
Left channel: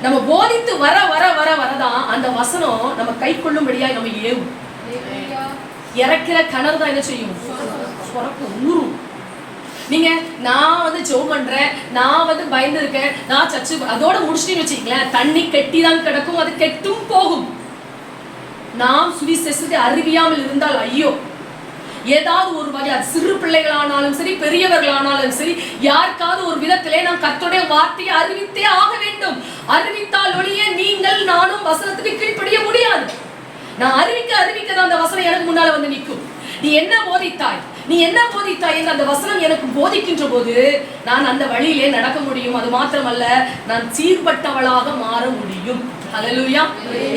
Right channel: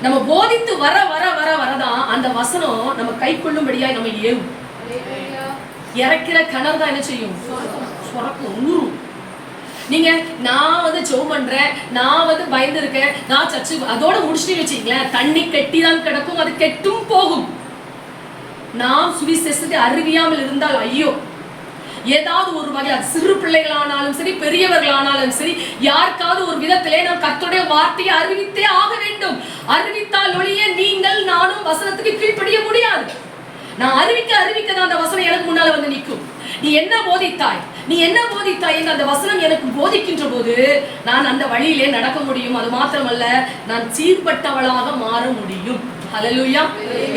நம்ம போதித்து வர வர வர வரதான் அந்த வசனம் நம்ம கை கொள்ளும்படியாய் நம்ம ஏவும். இறக்கிற கிணறு தான் என்ன செய்யும்? சுரக்கும், ஊறும். நீங்க நான் ஜெபம் பண்றேன், நான் பயந்து இருக்கேன், நான் சர்ச்சு அதோட முடிச்சுட்டு வச்சுக்கங்களேன், தண்ணி கெட்டி தான் கிடக்கும், அது கெட்டும் போகும். நாம் சுவிசேஷத்தை அறிவியாமல் இருந்தால் ஐயோ, ஏதாவது ஒரு வகையில் அது சிறு பிள்ளைகளானாலும் சரி பெரியவர்களானாலும் சரி யாருக்காவது ஒரு விதத்திலே நாம் கர்த்தருடைய வார்த்தையை அறிவித்தே ஆக வேண்டும். அறிவித்தால் ஒழிய நீங்கள் நானும் வசனத்துக்கு கீழ்ப்படிய முடியாது. நான் அறிவிக்க தான் அந்த வசனம் எனக்கு முன்னால வந்து நிற்கும். நீ என்ன போதித்தாய், நீ என்ன போதித்தாய் என்று அந்த வசனம் எனக்கு போதிக்கின்ற போது நான் அந்த வழியிலே நடக்க முடியும். அது மாத்திரமல்ல, நான் சீர்பட்டவளாக மாற முடியும். ஹல்லேலூயா.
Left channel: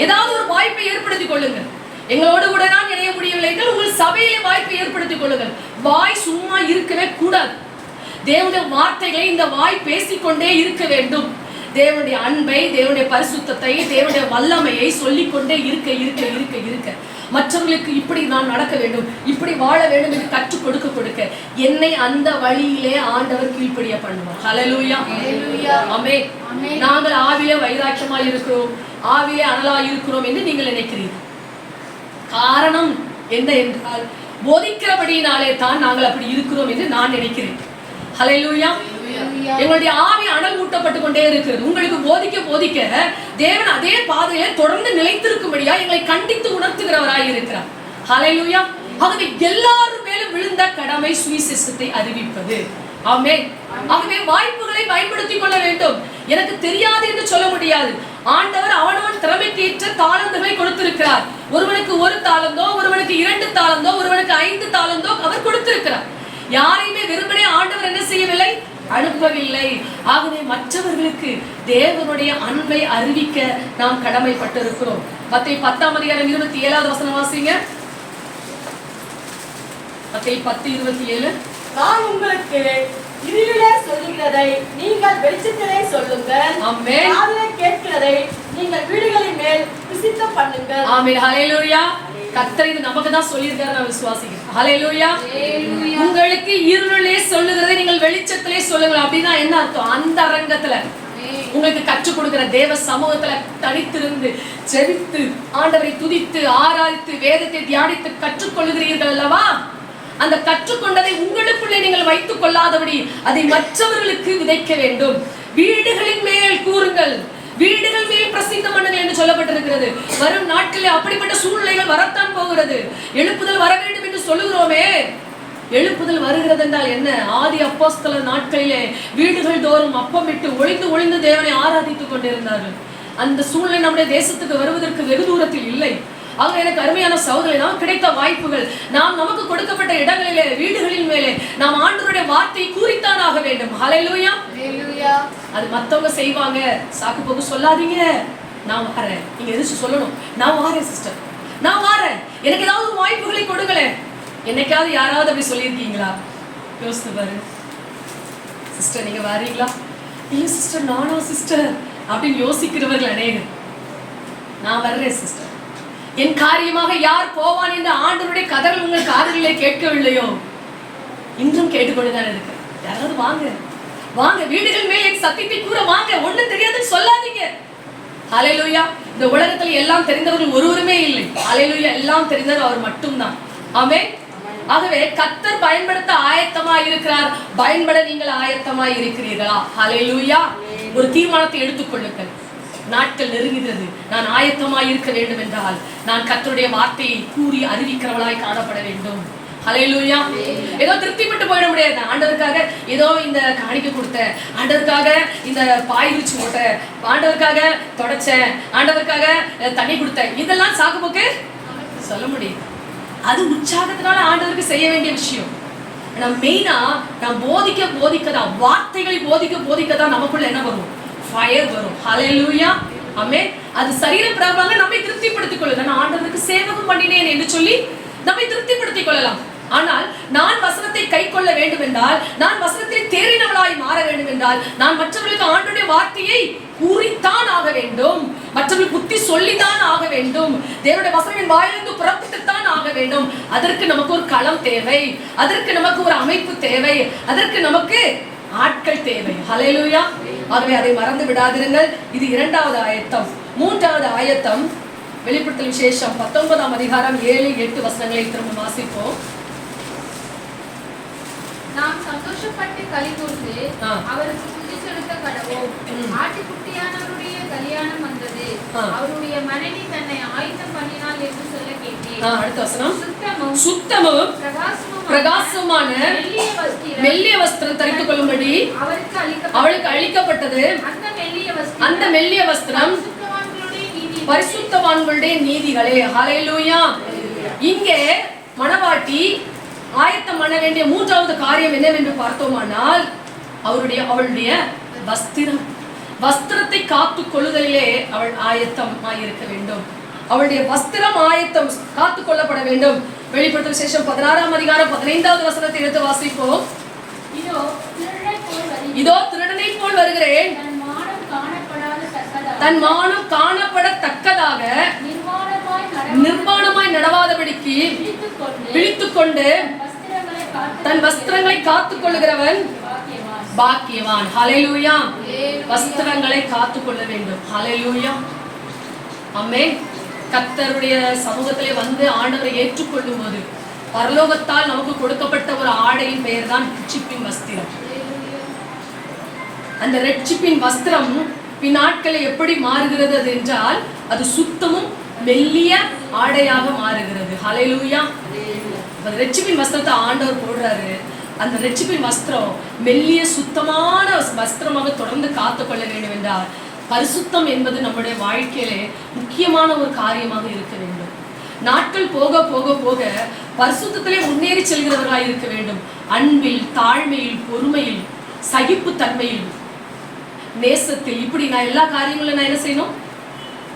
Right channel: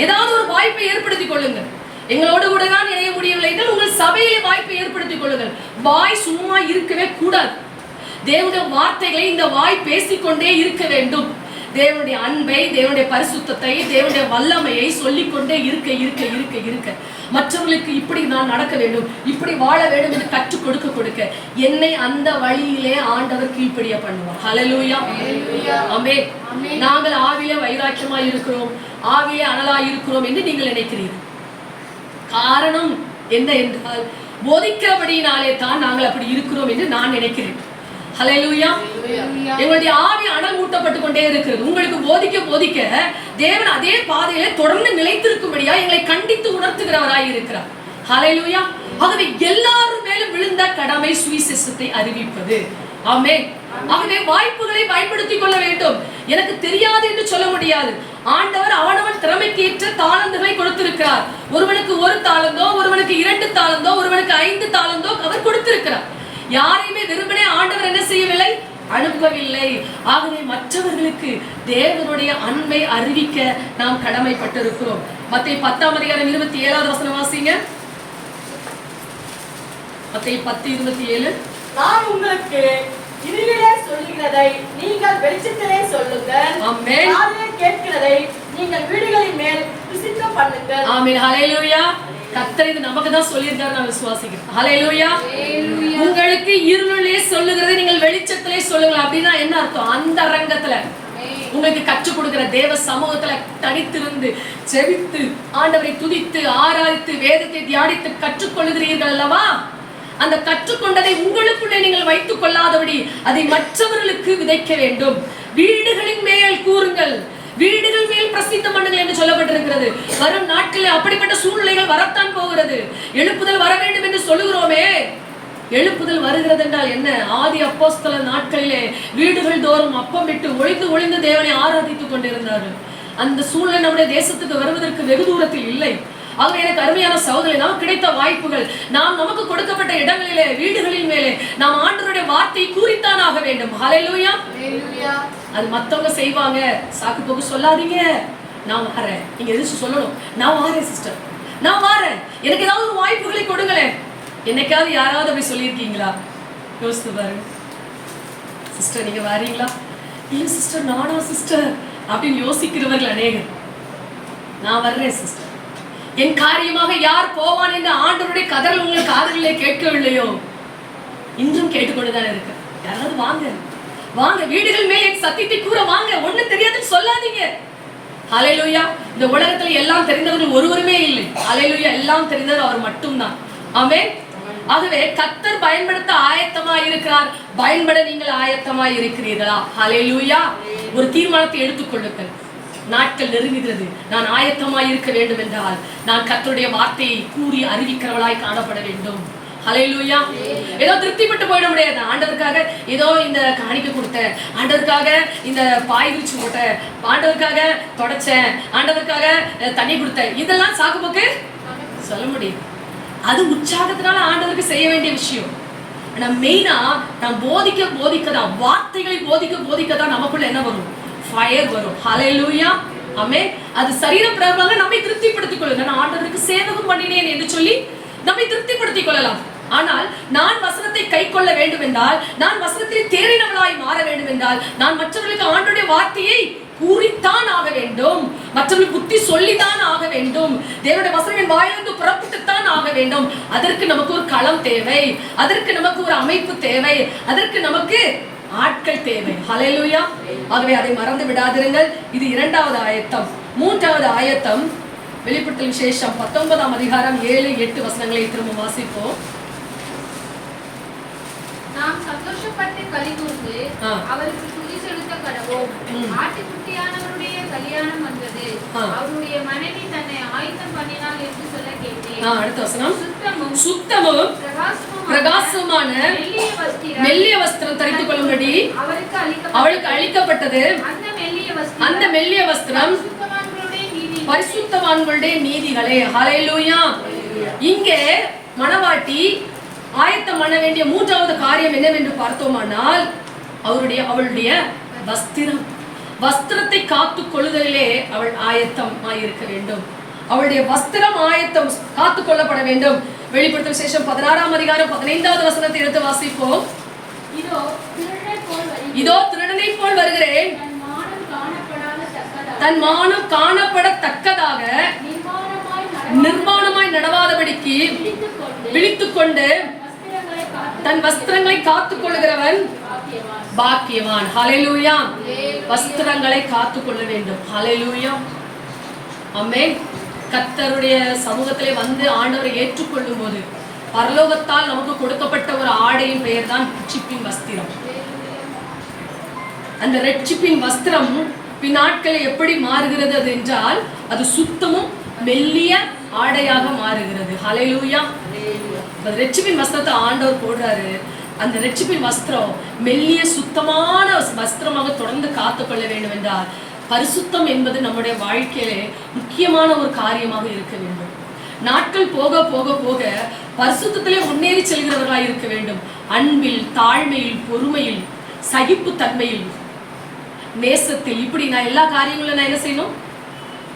ஏதாவது ஒரு வாய்ப்பை ஏற்படுத்திக் கொள்ளுங்கள். எங்களோடு கூட தான் இணைய முடியவில்லை என்றால் உங்கள் சபையிலே வாய்ப்பை ஏற்படுத்திக் கொள்ளுங்கள். வாய் சும்மா இருக்கவே கூடாது. தேவனுடைய வார்த்தைகளை இந்த வாய் பேசிக்கொண்டே இருக்க வேண்டும். தேவனுடைய அன்பை, தேவனுடைய பரிசுத்தத்தை, தேவனுடைய வல்லமையை சொல்லிக்கொண்டே இருக்க இருக்க இருக்க இருக்க மற்றவர்களுக்கு இப்படி நான் நடக்க வேண்டும், இப்படி வாழ வேண்டும் என்று கற்றுக் கொடுக்க என்னை அந்த வழியிலே ஆண்டவர் கீழ்ப்படிய பண்ணுவார். ஹல்லேலூயா. ஆமென். நாங்கள் ஆவிலே வைராக்கியமாய் இருக்கிறோம், ஆவிலே அனலாய் இருக்கிறோம் என்று நீங்கள் நினைக்கிறீர்கள். காரணம் என்ன என்றால் போதிக்கிறபடியினாலே தான் நாங்கள் அப்படி இருக்கிறோம் என்று நான் நினைக்கிறேன். ஹல்லேலூயா. எங்களுடைய ஆவி அனல் ஊட்டப்பட்டு கொண்டே இருக்கிறது. உங்களுக்கு போதிக்க தேவன் அதே பாதையிலே தொடர்ந்து நிலைத்திருக்கும்படியா எங்களை கண்டித்து உணர்த்துகிறவராய் இருக்கிறார். ஹல்லேலூயா. ஆகவே எல்லாரும் மேலும் விழுந்த கடமை சுவிசேஷத்தை அறிவிப்பது. ஆமென். ஆகவே வாய்ப்புகளை பயன்படுத்திக் கொள்ள வேண்டும். எனக்கு தெரியாது என்று சொல்ல முடியாது. ஆண்டவர் அவனவன் திறமைக்கு ஏற்ற தாளந்துகளை கொடுத்திருக்கிறார். ஒருவனுக்கு 1 தாளந்தோ, ஒருவனுக்கு 2 தாளந்தோ, ஒருவனுக்கு 5 தாளந்தோ அவர் கொடுத்திருக்கிறார். யாரையுமே வெறுமனே ஆண்டவர் என்ன செய்யவில்லை, அனுப்பவில்லை. ஆகவே மற்றவர்களுக்கு தேவனுடைய அன்பை அறிவிக்க நாம் கடமைப்பட்டிருக்கிறோம். மத்தேயு 10:27 வாசிங்க. மத்தேயு 10:27. நான் உங்களுக்கு இருளிலே சொல்லுகிறதை நீங்கள் வெளிச்சத்திலே சொல்லுங்கள். ஆமென். காதிலே கேட்கிறதை நீங்கள் வீடுகளின் மேல் பிரசித்தம் பண்ணுங்கள். ஆமென். ஹல்லேலூயா. கர்த்தர் இது நமக்கு தான் சொல்லியிருக்காரு, நான் விசுவாசிக்கிறேன். ஹல்லேலூயா. உங்களுக்கு இருளிலே சொல்லுகிறதை நீங்கள் வெளிச்சத்திலே சொல்லுங்கள். அப்படின்னா என்ன அர்த்தம்? அந்த அரங்கத்துல உங்களுக்கு கற்றுக் கொடுக்கிற தேவ சமூகத்துல தனித்திருந்து ஜெபித்து ஆண்டவரை துதித்து ஆராதித்து வேதத்தை தியானித்து கற்றுக்கொள்கிறீர்கள் அல்லவா? அந்த கற்றுக்கொண்டதை உங்களுக்குள்ளே நீங்கள் வைத்துக் கொள்ளாதபடி அதை மற்றவர்களுக்கு விதைக்க வேண்டும். வீடுகளின் மேல் கூறுங்கள், வீடுகள் மேல் பிரசித்தம் பண்ணுங்கள் என்று சொல்லப்பட்டிருக்கிறது. வரும் நாட்களில் அப்படிப்பட்ட சூழ்நிலைகள் வரத்தான் போகிறது. எழுப்புதல் வர வேண்டும் என்று சொல்லுகிறோமே, எழுப்புதல் வருகிறது என்றால் என்ன? ஆதி அப்போஸ்தல நாட்களிலே வீடுகள் தோறும் அப்பம் விட்டு ஒளிந்து தேவனை ஆராதித்துக் கொண்டிருந்தார்கள். அந்த சூழ்நிலை நம்முடைய தேசத்துக்கு வருவதற்கு வெகு தூரத்தில் இல்லை. ஆக எனக்கு அருமையான சகோதரர்களே, நமக்கு கிடைத்த வாய்ப்புகள், நாம் நமக்கு கொடுக்கப்பட்ட இடங்களிலே வீடுகளின் மேலே நாம் ஆண்டவருடைய வார்த்தை கூறித்தான் ஆக வேண்டும். ஹல்லேலூயா. அது மத்தவங்க செய்வாங்க சாக்கு போக்கு சொல்லாதீங்க. நான் வரேன், நீங்க எதிர்த்து சொல்லணும். நான் வரேன் சிஸ்டர், நான் வரேன், எனக்கு ஏதாவது ஒரு வாய்ப்புகளை கொடுங்களேன். என்னைக்காவது யாராவது அப்படி சொல்லியிருக்கீங்களா? யோசித்து பாருங்க. சிஸ்டர் நீங்க வரீங்களா? இல்ல சிஸ்டர் நானா சிஸ்டர் அப்படின்னு யோசிக்கிறவர்கள் அநேகர். நான் வர்றேன் சிஸ்டர், என் காரியமாக யார் போவான் என்று ஆண்டவருடைய கதறல் உங்கள் காதுகளிலே கேட்கவில்லையோ? இன்றும் கேட்டுக்கொண்டுதான் இருக்கு. யாராவது வாங்க வாங்க, வீடுகள் மேல் என் சத்தியத்தை கூற வாங்க. ஒண்ணு தெரியாதுன்னு சொல்லாதீங்க. ஹல்லேலூயா. இந்த உலகத்துல எல்லாம் தெரிந்தவர்கள் ஒருவருமே இல்லை. ஹல்லேலூயா. எல்லாம் தெரிந்தவர் அவர் மட்டும்தான். ஆமென். ஆகவே கர்த்தர் பயன்படுத்த ஆயத்தமாய் இருக்கிறார். பயன்பட நீங்கள் ஆயத்தமாய் இருக்கிறீர்களா? ஹல்லேலூயா. ஒரு தீர்மானத்தை எடுத்துக்கொள்ளுங்கள். நாட்கள் நெருங்குகிறது. நான் ஆயத்தமாய் இருக்க வேண்டும் என்றால் நான் கர்த்தருடைய வார்த்தையை கூறி அறிவிக்கிறவளாய் காணப்பட வேண்டும். ஹல்லேலூயா. ஏதோ திருப்திப்பட்டு போயிட முடியாது. ஆண்டவருக்காக ஏதோ இந்த காணிக்கை கொடுத்தேன், ஆண்டவருக்காக இந்த பாய் விரிச்சு போட்டேன், ஆண்டவருக்காக தொடச்சேன், ஆண்டவருக்காக தண்ணி கொடுத்தேன், இதெல்லாம் சாக்குப்போக்கு சொல்ல முடியாது. அது உற்சாகத்தினால ஆண்டவருக்கு செய்ய வேண்டிய விஷயம். ஆனா மெயினா நாம் போதிக்கதான், வார்த்தைகளை போதிக்கதான் நமக்குள்ள என்ன வரும்? ஃபயர் வரும். ஹல்லேலூயா. ஆமென். அது சரீர பிரகாரமாக நம்மை திருப்திப்படுத்திக் கொள்ளும். நான் ஆண்டவருக்கு சேவகம் பண்ணினேன் என்று சொல்லி நம்மை திருப்திப்படுத்திக் கொள்ளலாம். ஆனால் நான் வசனத்தை கை கொள்ள வேண்டும் என்றால், நான் வசனத்தில் தேறினவளாய் மாற வேண்டும் என்றால், நான் மற்றவர்களுக்கு ஆண்டவருடைய வார்த்தையை கூறித்தான் ஆக வேண்டும். மற்றவர்களுக்கு புத்தி சொல்லித்தான் ஆக வேண்டும். தேவனுடைய வசனம் என் வாயிலிருந்து புறப்பட்டுத்தான் ஆக வேண்டும். அதற்கு நமக்கு ஒரு களம் தேவை, அதற்கு நமக்கு ஒரு அமைப்பு தேவை, அதற்கு நமக்கு ஆட்கள் தேவை. ஹல்லேலூயா. ஆகவே அதை மறந்து விடாதிருங்கள். இது 2வது ஆயத்தம். 3வது ஆயத்தம் வெளிப்படுத்தல் விசேஷம் 19ஆம் அதிகாரம் 7-8 வசனங்களை திரும்ப வாசிப்போம். நாம் சந்தோஷப்பட்டு களிகூர்ந்து அவருக்கு துதி செலுத்த கடவோம். ஆட்டுக்குட்டியானவருடைய கல்யாணம் வந்தது, அவருடைய மனைவி தன்னை ஆயத்தம் பண்ணினாள் என்று சொல்ல கேட்டேன். அடுத்த வசனம். சுத்தமும் பிரகாசமான மெல்லிய வஸ்திரம் தரித்துக் கொள்ளும்படி அவளுக்கு அளிக்கப்பட்டது. அந்த மெல்லிய வஸ்திரம் பரிசுத்தவான்களுடைய நீதிகளே. ஹல்லேலூயா. இங்கே மணவாட்டி ஆயத்தம் பண்ண வேண்டிய 3வது காரியம் என்னவென்று பார்த்தோமானால் அவளுடைய வஸ்திரத்தை காத்துக் கொள்ளுதலிலே அவள் ஆயத்தமாயிருக்க வேண்டும். அவளுடைய வஸ்திரம் ஆயத்தம் காத்துக் கொள்ளப்பட வேண்டும். வெளிப்படுத்தல் விசேஷம் 16ஆம் அதிகாரம் 15வது வசனத்தை எடுத்து வாசிப்போம். இதோ திருடனை போல் வருகிறேன், தன் மானம் காணப்படத்தக்கதாக நிர்வாணமாய் நடவாதபடிக்கு விழித்துக்கொண்டு தன் வஸ்திரங்களை காத்துக் கொள்ளுகிறவன் பாக்கியவான். ஹல்லேலூயா. வஸ்திரங்களை காத்துக் கொள்ள வேண்டும். ஹல்லேலூயா. ஆமென். கர்த்தருடைய சமூகத்திலே வந்து ஆண்டவரை ஏற்றுக்கொள்ளும் போது பரலோகத்தால் நமக்கு கொடுக்கப்பட்ட ஒரு ஆடையின் பெயர் தான் ரட்சிப்பின் வஸ்திரம். அந்த ரட்சிப்பின் வஸ்திரம் பின்னாட்களில் எப்படி மாறுகிறது அது என்றால் அது சுத்தமும் மெல்லிய ஆடையாக மாறுகிறது. ஹல்லேலூயா. ரட்சிப்பின் வஸ்திரத்தை ஆண்டவர் போடுறாரு. அந்த ரட்சிப்பின் வஸ்திரம் மெல்லிய சுத்தமான வஸ்திரமாக தொடர்ந்து காத்துக்கொள்ள வேண்டும் என்றால் பரிசுத்தம் என்பது நம்முடைய வாழ்க்கையிலே முக்கியமான ஒரு காரியமாக இருக்க வேண்டும். நாட்கள் போக போக போக பரிசுத்தத்திலே முன்னேறி செல்கிறவர்களாக இருக்க வேண்டும். அன்பில், தாழ்மையில், பொறுமையில், சகிப்பு தன்மையில், நேசத்தில், இப்படி நான் எல்லா காரியங்களும் நான் என்ன செய்யணும்?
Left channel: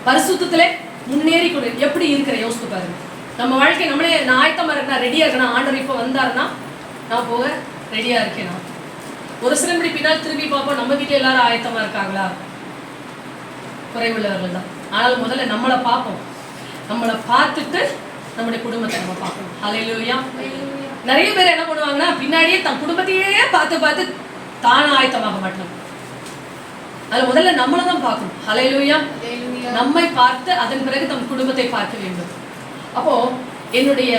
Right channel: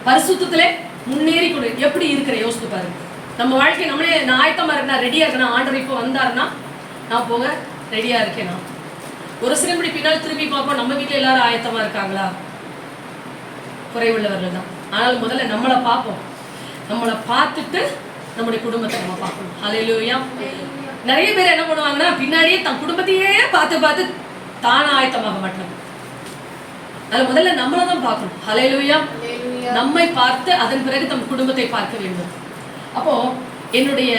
பரிசுத்தத்திலே முன்னேறி கொடு. எப்படி இருக்கிற யோசித்து பாருங்க. நம்ம வாழ்க்கை நம்மளே நான் ஆயத்தமா இருக்கேன், ரெடியா இருக்கேன். ஆண்டவர் இப்போ வந்தாருன்னா நான் போக ரெடியா இருக்கேனா? ஒரு சில மணி பின்னால் திரும்பி பார்ப்போம், நம்ம வீட்டில் எல்லாரும் ஆயத்தமா இருக்காங்களா? குறைவுள்ளவர்கள் தான். ஆனால் முதல்ல நம்மளை பார்ப்போம். நம்மளை பார்த்துட்டு நம்முடைய குடும்பத்தை நம்ம பார்க்கணும். ஹல்லேலூயா. நிறைய பேர் என்ன பண்ணுவாங்கன்னா பின்னாடியே தன் குடும்பத்தையே பார்த்து பார்த்து தான ஆயத்தமாக மாட்டாங்க. அது முதல்ல நம்மளை தான் பார்க்கணும். ஹல்லேலூயா. நம்மை பார்த்து அதன் பிறகு தம் குடும்பத்தை பார்க்க வேண்டும். அப்போ என்னுடைய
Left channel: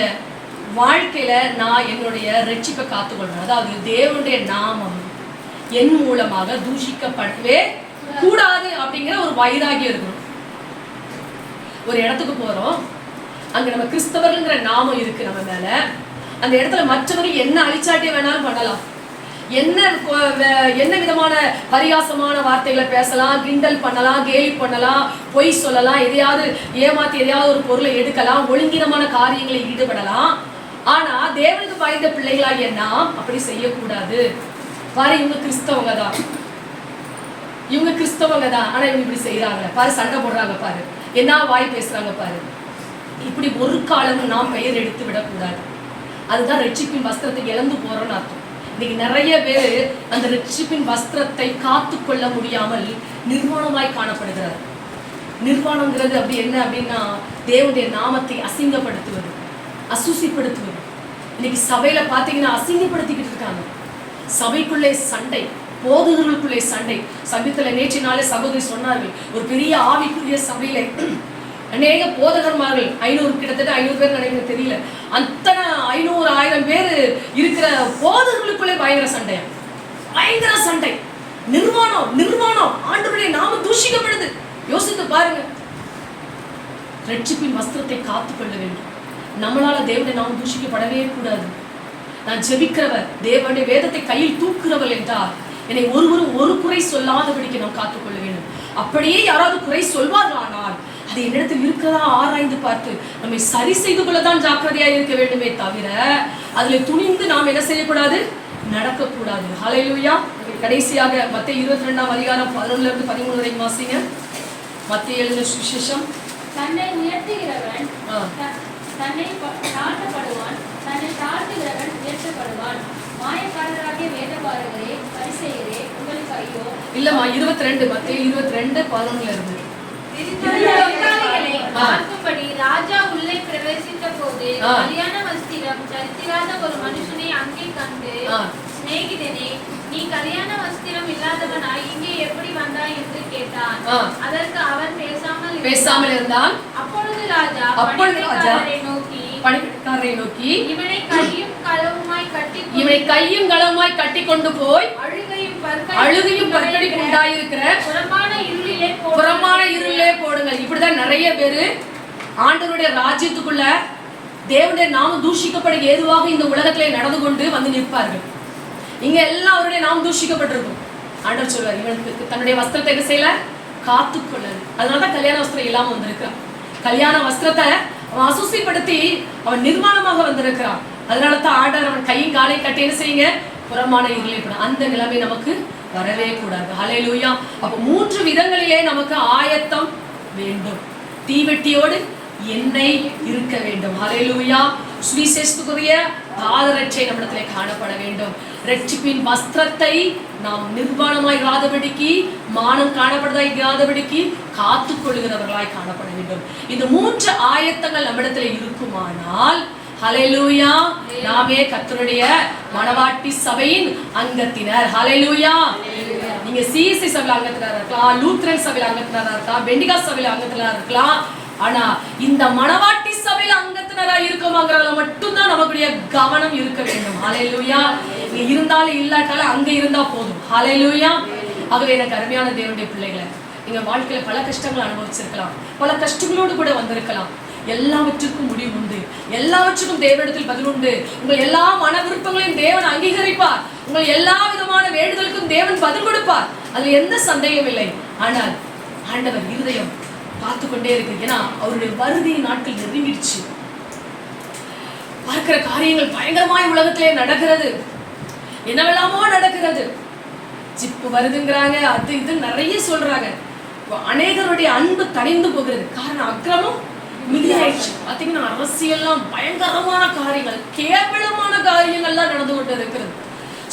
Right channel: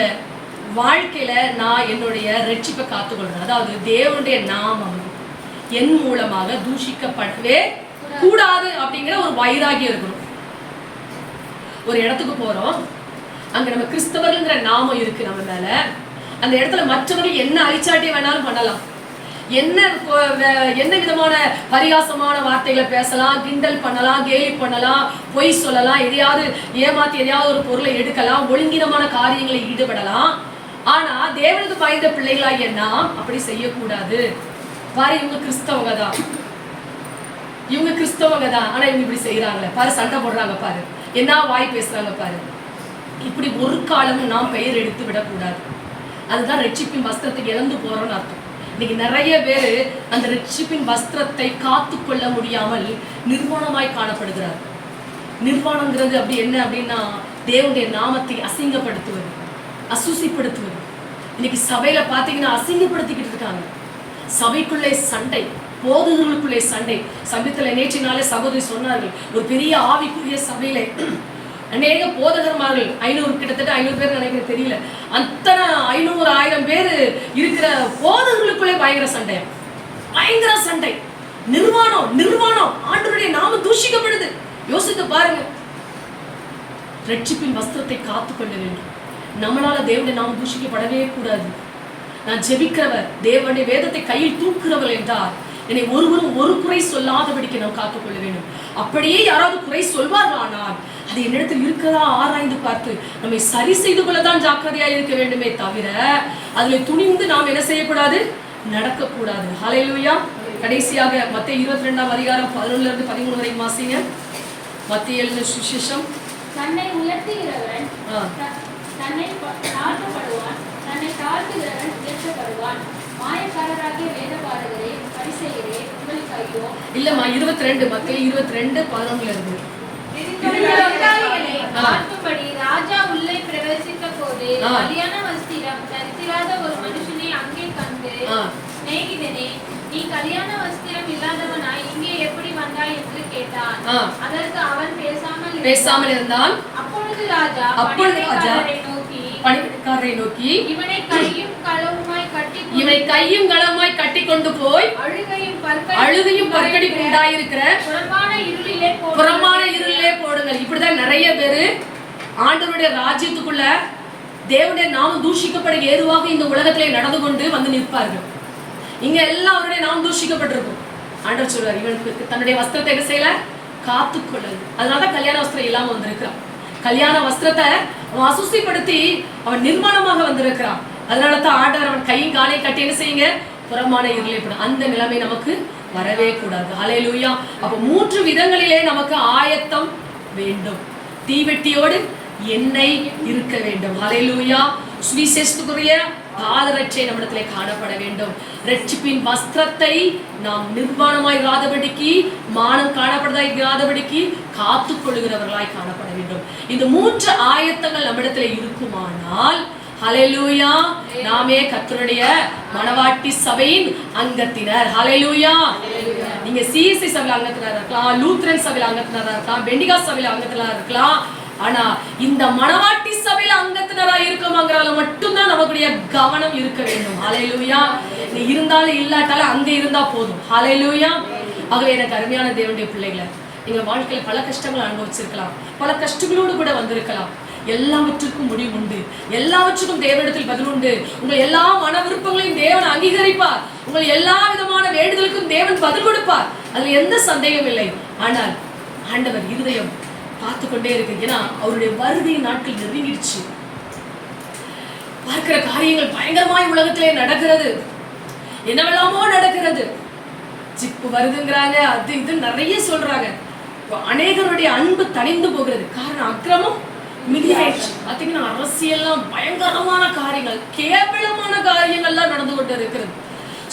வாழ்க்கையில நான் என்னுடைய ரட்சிப்பை காத்துக்கொள்றேன். அதாவது தேவனுடைய நாமம் என் மூலமாக தூஷிக்கப்படவே கூடாது அப்படிங்கிற ஒரு வைராகியம் இருக்கணும். ஒரு இடத்துக்கு போறோம், அங்க நம்ம கிறிஸ்தவர்கள்ங்கிற நாமம் இருக்கு நம்ம மேல. அந்த இடத்துல மற்றவர்கள் என்ன அழிச்சாட்டிய வேணாலும் பண்ணலாம், என்ன விதமான பரிகாசமான வார்த்தைகளை பேசலாம், கிண்டல் பண்ணலாம், கேலி பண்ணலாம், பொய் சொல்லலாம், எதையாவது ஏமாத்தி எதையாவது ஒரு பொருளை எடுக்கலாம், ஒழுங்கீனமான காரியங்களை ஈடுபடலாம். ஆனா தேவனுக்கு பயந்த பிள்ளைகளாகிய நாம் அப்படி செய்யக்கூடாது. பாரு, இவங்க கிறிஸ்தவங்க தான், ஆனா இவங்க இப்படி செய்யறாங்க பாரு, சண்டை போடுறாங்க பாரு, என்ன வாய் பேசுறாங்க பாரு. இப்படி ஒரு காலமும் நாம் பெயர் எடுத்து விடக்கூடாது. அதுதான் ரட்சிப்பின் வஸ்திரத்தை இழந்து போறோம்னு அர்த்தம். இன்னைக்கு நிறைய பேர் அந்த ரட்சிப்பின் வஸ்திரத்தை காத்து கொள்ள முடியாமல் நிர்வாணமாய் காணப்படுகிறார். நிர்வாணங்கிறது அப்படி என்ன அப்படின்னா தேவனுடைய நாமத்தை அசிங்கப்படுத்துவது, அசுசிப்படுத்துவது. இன்னைக்கு சபையில பாத்தீங்கன்னா அசிங்கப்படுத்திக்கிட்டு இருக்காங்க. சபைக்குள்ளே சண்டை, போதகர்களுக்குள்ளே சண்டை. சமீபத்துல நேற்றினாலே சகோதரி சொன்னார்கள், ஒரு பெரிய ஆவிக்குரிய சபையில அநேக போதகர்மார்கள் 500 கிட்டத்தட்ட 500 பேர் நினைக்கிறேன், தெரியல, அத்தனை 500-1000 பேர் இருக்கிற போதகர்களுக்குள்ளே பயங்கர சண்டை. நிர்வாணம் ஆண்டவருடைய நாமம் தூஷிக்கப்படுது. யோசித்து பாருங்க. ரட்சிப்பின் வஸ்திரத்தை காத்துக்கொள்ள வேண்டும். நம்மளால தேவனுடைய நாமம் தூஷிக்கப்படவே கூடாது. நான் ஜெபிக்கிறவர், தேவனுடைய வேதத்தை கையில் தூக்குறவர் என்றால் என்னை ஒருவரும் ஒரு குறை சொல்லாதபடிக்கு நாம் காத்துக்கொள்ள வேண்டும். அப்படியே யாராவது குறை சொல்வார்களானால் அது என்னிடத்தில் இருக்கிறதா ஆராய்ந்து பார்த்து நம்மை சரி செய்து கொள்ளதான் ஜாக்கிரதையா இருக்க வேண்டுமே தவிர அதுல துணிந்து நாம் என்ன செய்யக்கூடாது, நடக்கக்கூடாது. ஹல்லேலூயா. கடைசியாக மத்தேயு 22ஆம் அதிகாரம் 11-13 வரைக்கும் வாசிங்க. மத்தேயு எழுதின சுவிசேஷம். தன்னை உயர்த்துகிறவன் தன்னை தாழ்த்தப்படுவான், தன்னை தாழ்த்துகிறவன் உயர்த்தப்படுவான். மாயக்காரராகிய வேதபாரகரே, பரிசேயரே, உங்களுக்கு ஐயோ. இல்லம்மா, 22 மத்தேயு 22:11 இருந்து. ராஜா உள்ளே பிரவேசித்த போது கல்யாண வஸ்திரம் தரித்திராத ஒரு மனுஷனை அங்கே கண்டு, சிநேகிதனே, நீ கல்யாண வஸ்திரம் இல்லாதவனாய் இங்கே எப்படி அதற்கு அவன் பேசாமல் இருந்தான். அப்பொழுது ராஜா பணிவிடைக்காரரை நோக்கி இவனை கையும் களவுமாய் கட்டி கொண்டு போய் அழுகையும் பற்கடிப்பு உண்டாயிருக்கிற புறமான இருளிலே போடுங்கள். இப்படிதான் நிறைய பேரு ஆண்டவருடைய ராஜ்யத்துக்குள்ள தேவனுடைய நாமம் தூஷிக்கப்பட ஏதுவாக இந்த உலகத்திலே நடந்து கொண்டு வந்து நிற்பார்கள். இங்க எல்லாம் அவருடைய நாமம் தூஷிக்கப்பட்டிருக்கும். ஆண்டவர் சொல்வார், இவனுக்கு தன்னுடைய வஸ்திரத்தை என்ன செய்யல, காத்துக்கொள்ளது. அதனாலதான் கல்யாண வஸ்திரம் இல்லாம வந்திருக்கிறான். கல்யாண வஸ்திரத்தை அவன் அசுசிப்படுத்தி அவன் நிர்மாணமாக வந்திருக்கிறான். அதனாலதான் ஆண்டவர் அவன் கையும் காலையும் கட்டி என்ன செய்யுங்க, புறமான இருளை போடும். அந்த நிலைமை நமக்கு வரவே கூடாது. ஹல்லேலூயா. அப்ப 3 விதங்களிலே நமக்கு ஆயத்தம் வேண்டும். தீவெட்டியோடு எண்ணெய் இருக்க வேண்டும். ஹல்லேலூயா. சுவிசேஷத்துக்குரிய பாதரட்சை நம்மிடத்திலே காணப்பட வேண்டும். ரட்சிப்பின் வஸ்திரத்தை நாம் நிர்வாணமாய் இராதபடிக்கு, மானம் காணப்படாதபடிக்கு காத்துக் கொள்கிறவர்களாய் காணப்பட வேண்டும். இந்த 3 ஆயத்தங்கள் நம்மிடத்திலே இருக்குமானால் ஹல்லேலூயா, நாமே கர்த்தருடைய மணவாட்டி சபையின் அங்கத்தினர். ஹல்லேலூயா. நீங்க சிஎஸ்சி சபையில அங்கத்தினரா இருக்கலாம், லூத்ரன் சபையில அங்கத்தினரா இருக்கலாம், பெண்டிகா சபையில அங்கத்தினரா இருக்கலாம். ஆனா இந்த மணவாட்டி சபையில அங்கத்தினரா இருக்கோமாங்கறதுல மட்டும்தான் நமக்குடைய கவனம் இருக்க வேண்டும். ஹல்லேலூயா. நீங்க இருந்தாலும் இல்லாட்டாலும் அங்க இருந்தா போதும். ஹல்லேலூயா. ஆகவே எனக்கு அருமையான தேவனுடைய பிள்ளைகளை, நீங்க வாழ்க்கையில பல கஷ்டங்களை அனுபவிச்சிருக்கலாம், பல கஷ்டங்களோடு கூட வந்திருக்கலாம். எல்லாவற்றுக்கும் முடிவு உண்டு, எல்லாவற்றுக்கும் தேவனிடத்தில் பதில் உண்டு. உங்கள் எல்லா மன விருப்பங்களையும் தேவன் அங்கீகரிப்பார். உங்கள் எல்லா விதமான வேண்டுதலுக்கும் தேவன் பதில் கொடுப்பார். அதுல எந்த சந்தேகம் இல்லை. ஆனால் ஆண்டவர் இருதயம் பார்த்து கொண்டே இருக்கு. ஏன்னா அவருடைய வருகை நாட்கள் நெருங்கிடுச்சு. பார்க்கிற காரியங்கள் பயங்கரமாய் உலகத்திலே நடக்கிறது. என்னவெல்லாமோ நடக்கிறது. ஜிப்பு வருதுங்கிறாங்க, அது இது நிறைய சொல்றாங்க. அநேகருடைய அன்பு தணிந்து போகிறது. காரணம் அக்கிரமம் மிகுதியாயிடுச்சு. பாத்தீங்கன்னா அரசியல்லாம் பயங்கரமான காரியங்கள், கேவலமான காரியங்கள்லாம் நடந்து கொண்டு இருக்கிறது.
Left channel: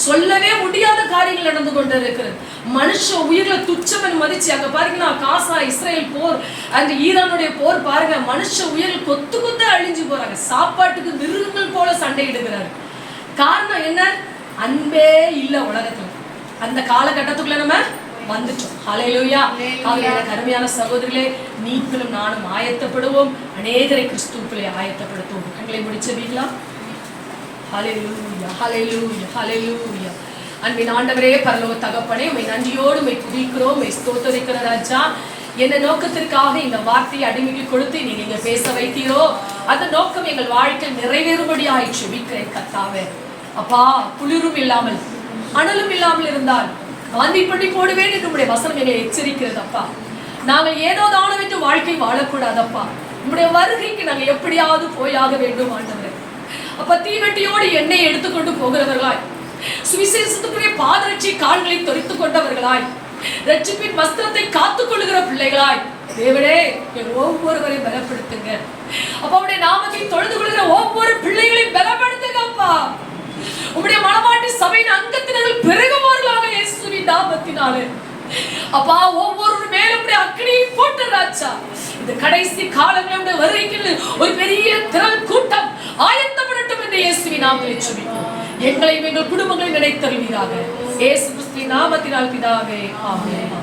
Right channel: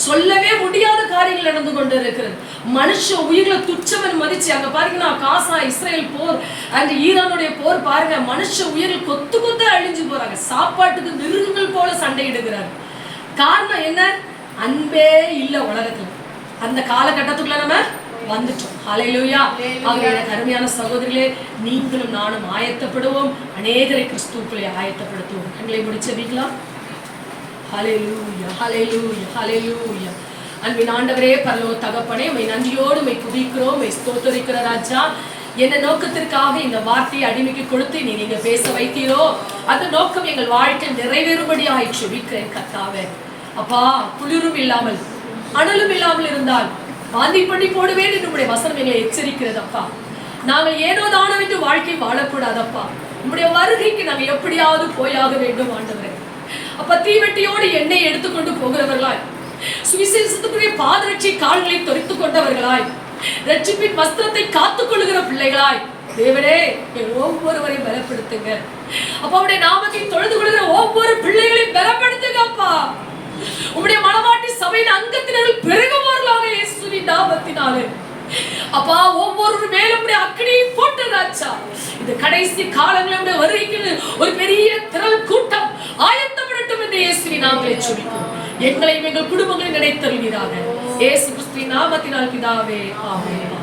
சொல்லவே முடியாத காரியங்கள் நடந்து கொண்டு இருக்கிறது. மனுஷ உயிர்களை துச்சமன் மதிச்சு, அங்க பாருங்கன்னா காசா இஸ்ரேல் போர் அண்ட் ஈரானுடைய போர் பாருங்க, மனுஷ உயிர்கள் கொத்து கொத்து அழிஞ்சு போறாங்க. சாப்பாட்டுக்கு மிருகங்கள் போல சண்டையிடுகிறாரு. காரணம் என்ன? அன்பே இல்ல உலகத்துல. அந்த காலகட்டத்துக்குள்ள நம்ம வந்துட்டோம். ஹல்லேலூயா. ஆகவே எனக்கு அருமையான சகோதரிகளே, நீங்களும் நானும் ஆயத்தப்படுவோம். அநேகரை கிறிஸ்துவுக்குள்ளே ஆயத்தப்படுத்துவோம். கண்களை முடிச்சபிக்கலாம். ஹல்லேலூயா, ஹல்லேலூயா, ஹல்லேலூயா. அன்பின் ஆண்டவரே, பரலோக தகப்பனே, உம்மை நன்றியோடு உம்மை துதிக்கிறோம், உம்மை ஸ்தோத்திரிக்கிற ராஜா. என்ன நோக்கத்திற்காக இந்த வார்த்தையை அடிமைக்கு கொடுத்து நீங்க பேச வைத்தீரோ, அந்த நோக்கம் எங்கள் வாழ்க்கை நிறைவேறும்படி ஆயிற்று. விக்கிறேன் கர்த்தாவே. அப்பா, குளிரும் இல்லாமல் அனலும் இல்லாமல் இருந்தால் வாந்தி பண்ணி போடுவேன் என்று உம்முடைய வசனம் எங்களை எச்சரிக்கிறது. அப்பா, நாங்கள் ஏதோ தானம் என்று வாழ்க்கை வாழக்கூடாதப்பா. உம்முடைய வருகைக்கு நாங்கள் எப்படியாவது போயாக வேண்டும் ஆண்டவரே. அப்ப தீவெட்டியோடு எண்ணெய் எடுத்துக்கொண்டு போகிறவர்களாய், சுவிசேஷத்துக்குரிய பாதரட்சி கால்களை தொறித்துக் கொண்டவர்களாய், ரட்சிப்பின் வஸ்திரத்தை காத்துக் கொள்ளுகிற பிள்ளைகளாய் தேவனே ஒவ்வொருவரையும் பலப்படுத்துங்க. அப்ப அவருடைய நாமத்தை தொழுது கொள்கிற ஒவ்வொரு பிள்ளைகளையும் பலப்படுத்துங்க அப்பா. உம்முடைய மணவாட்டி சபையின் அங்கத்தினர்கள் பெருகுவார்களாக இயேசுவின் நாமத்தினாலே. அப்பா, ஒவ்வொரு மேலும் அக்னியை போட்டு ராஜா, இந்த கடைசி காலங்களில் வருகைக்கு ஒரு பெரிய திரள் கூட்டம் ஆயத்தப்படட்டும் என்று இயேசுவின் நாமத்திலே ஜெபிக்கிறோம். எங்களையும் எங்கள் குடும்பங்களை நினைத்தருள்வீராக. இயேசு கிறிஸ்துவின் நாமத்தினால் பிதாவே, ஆமென்.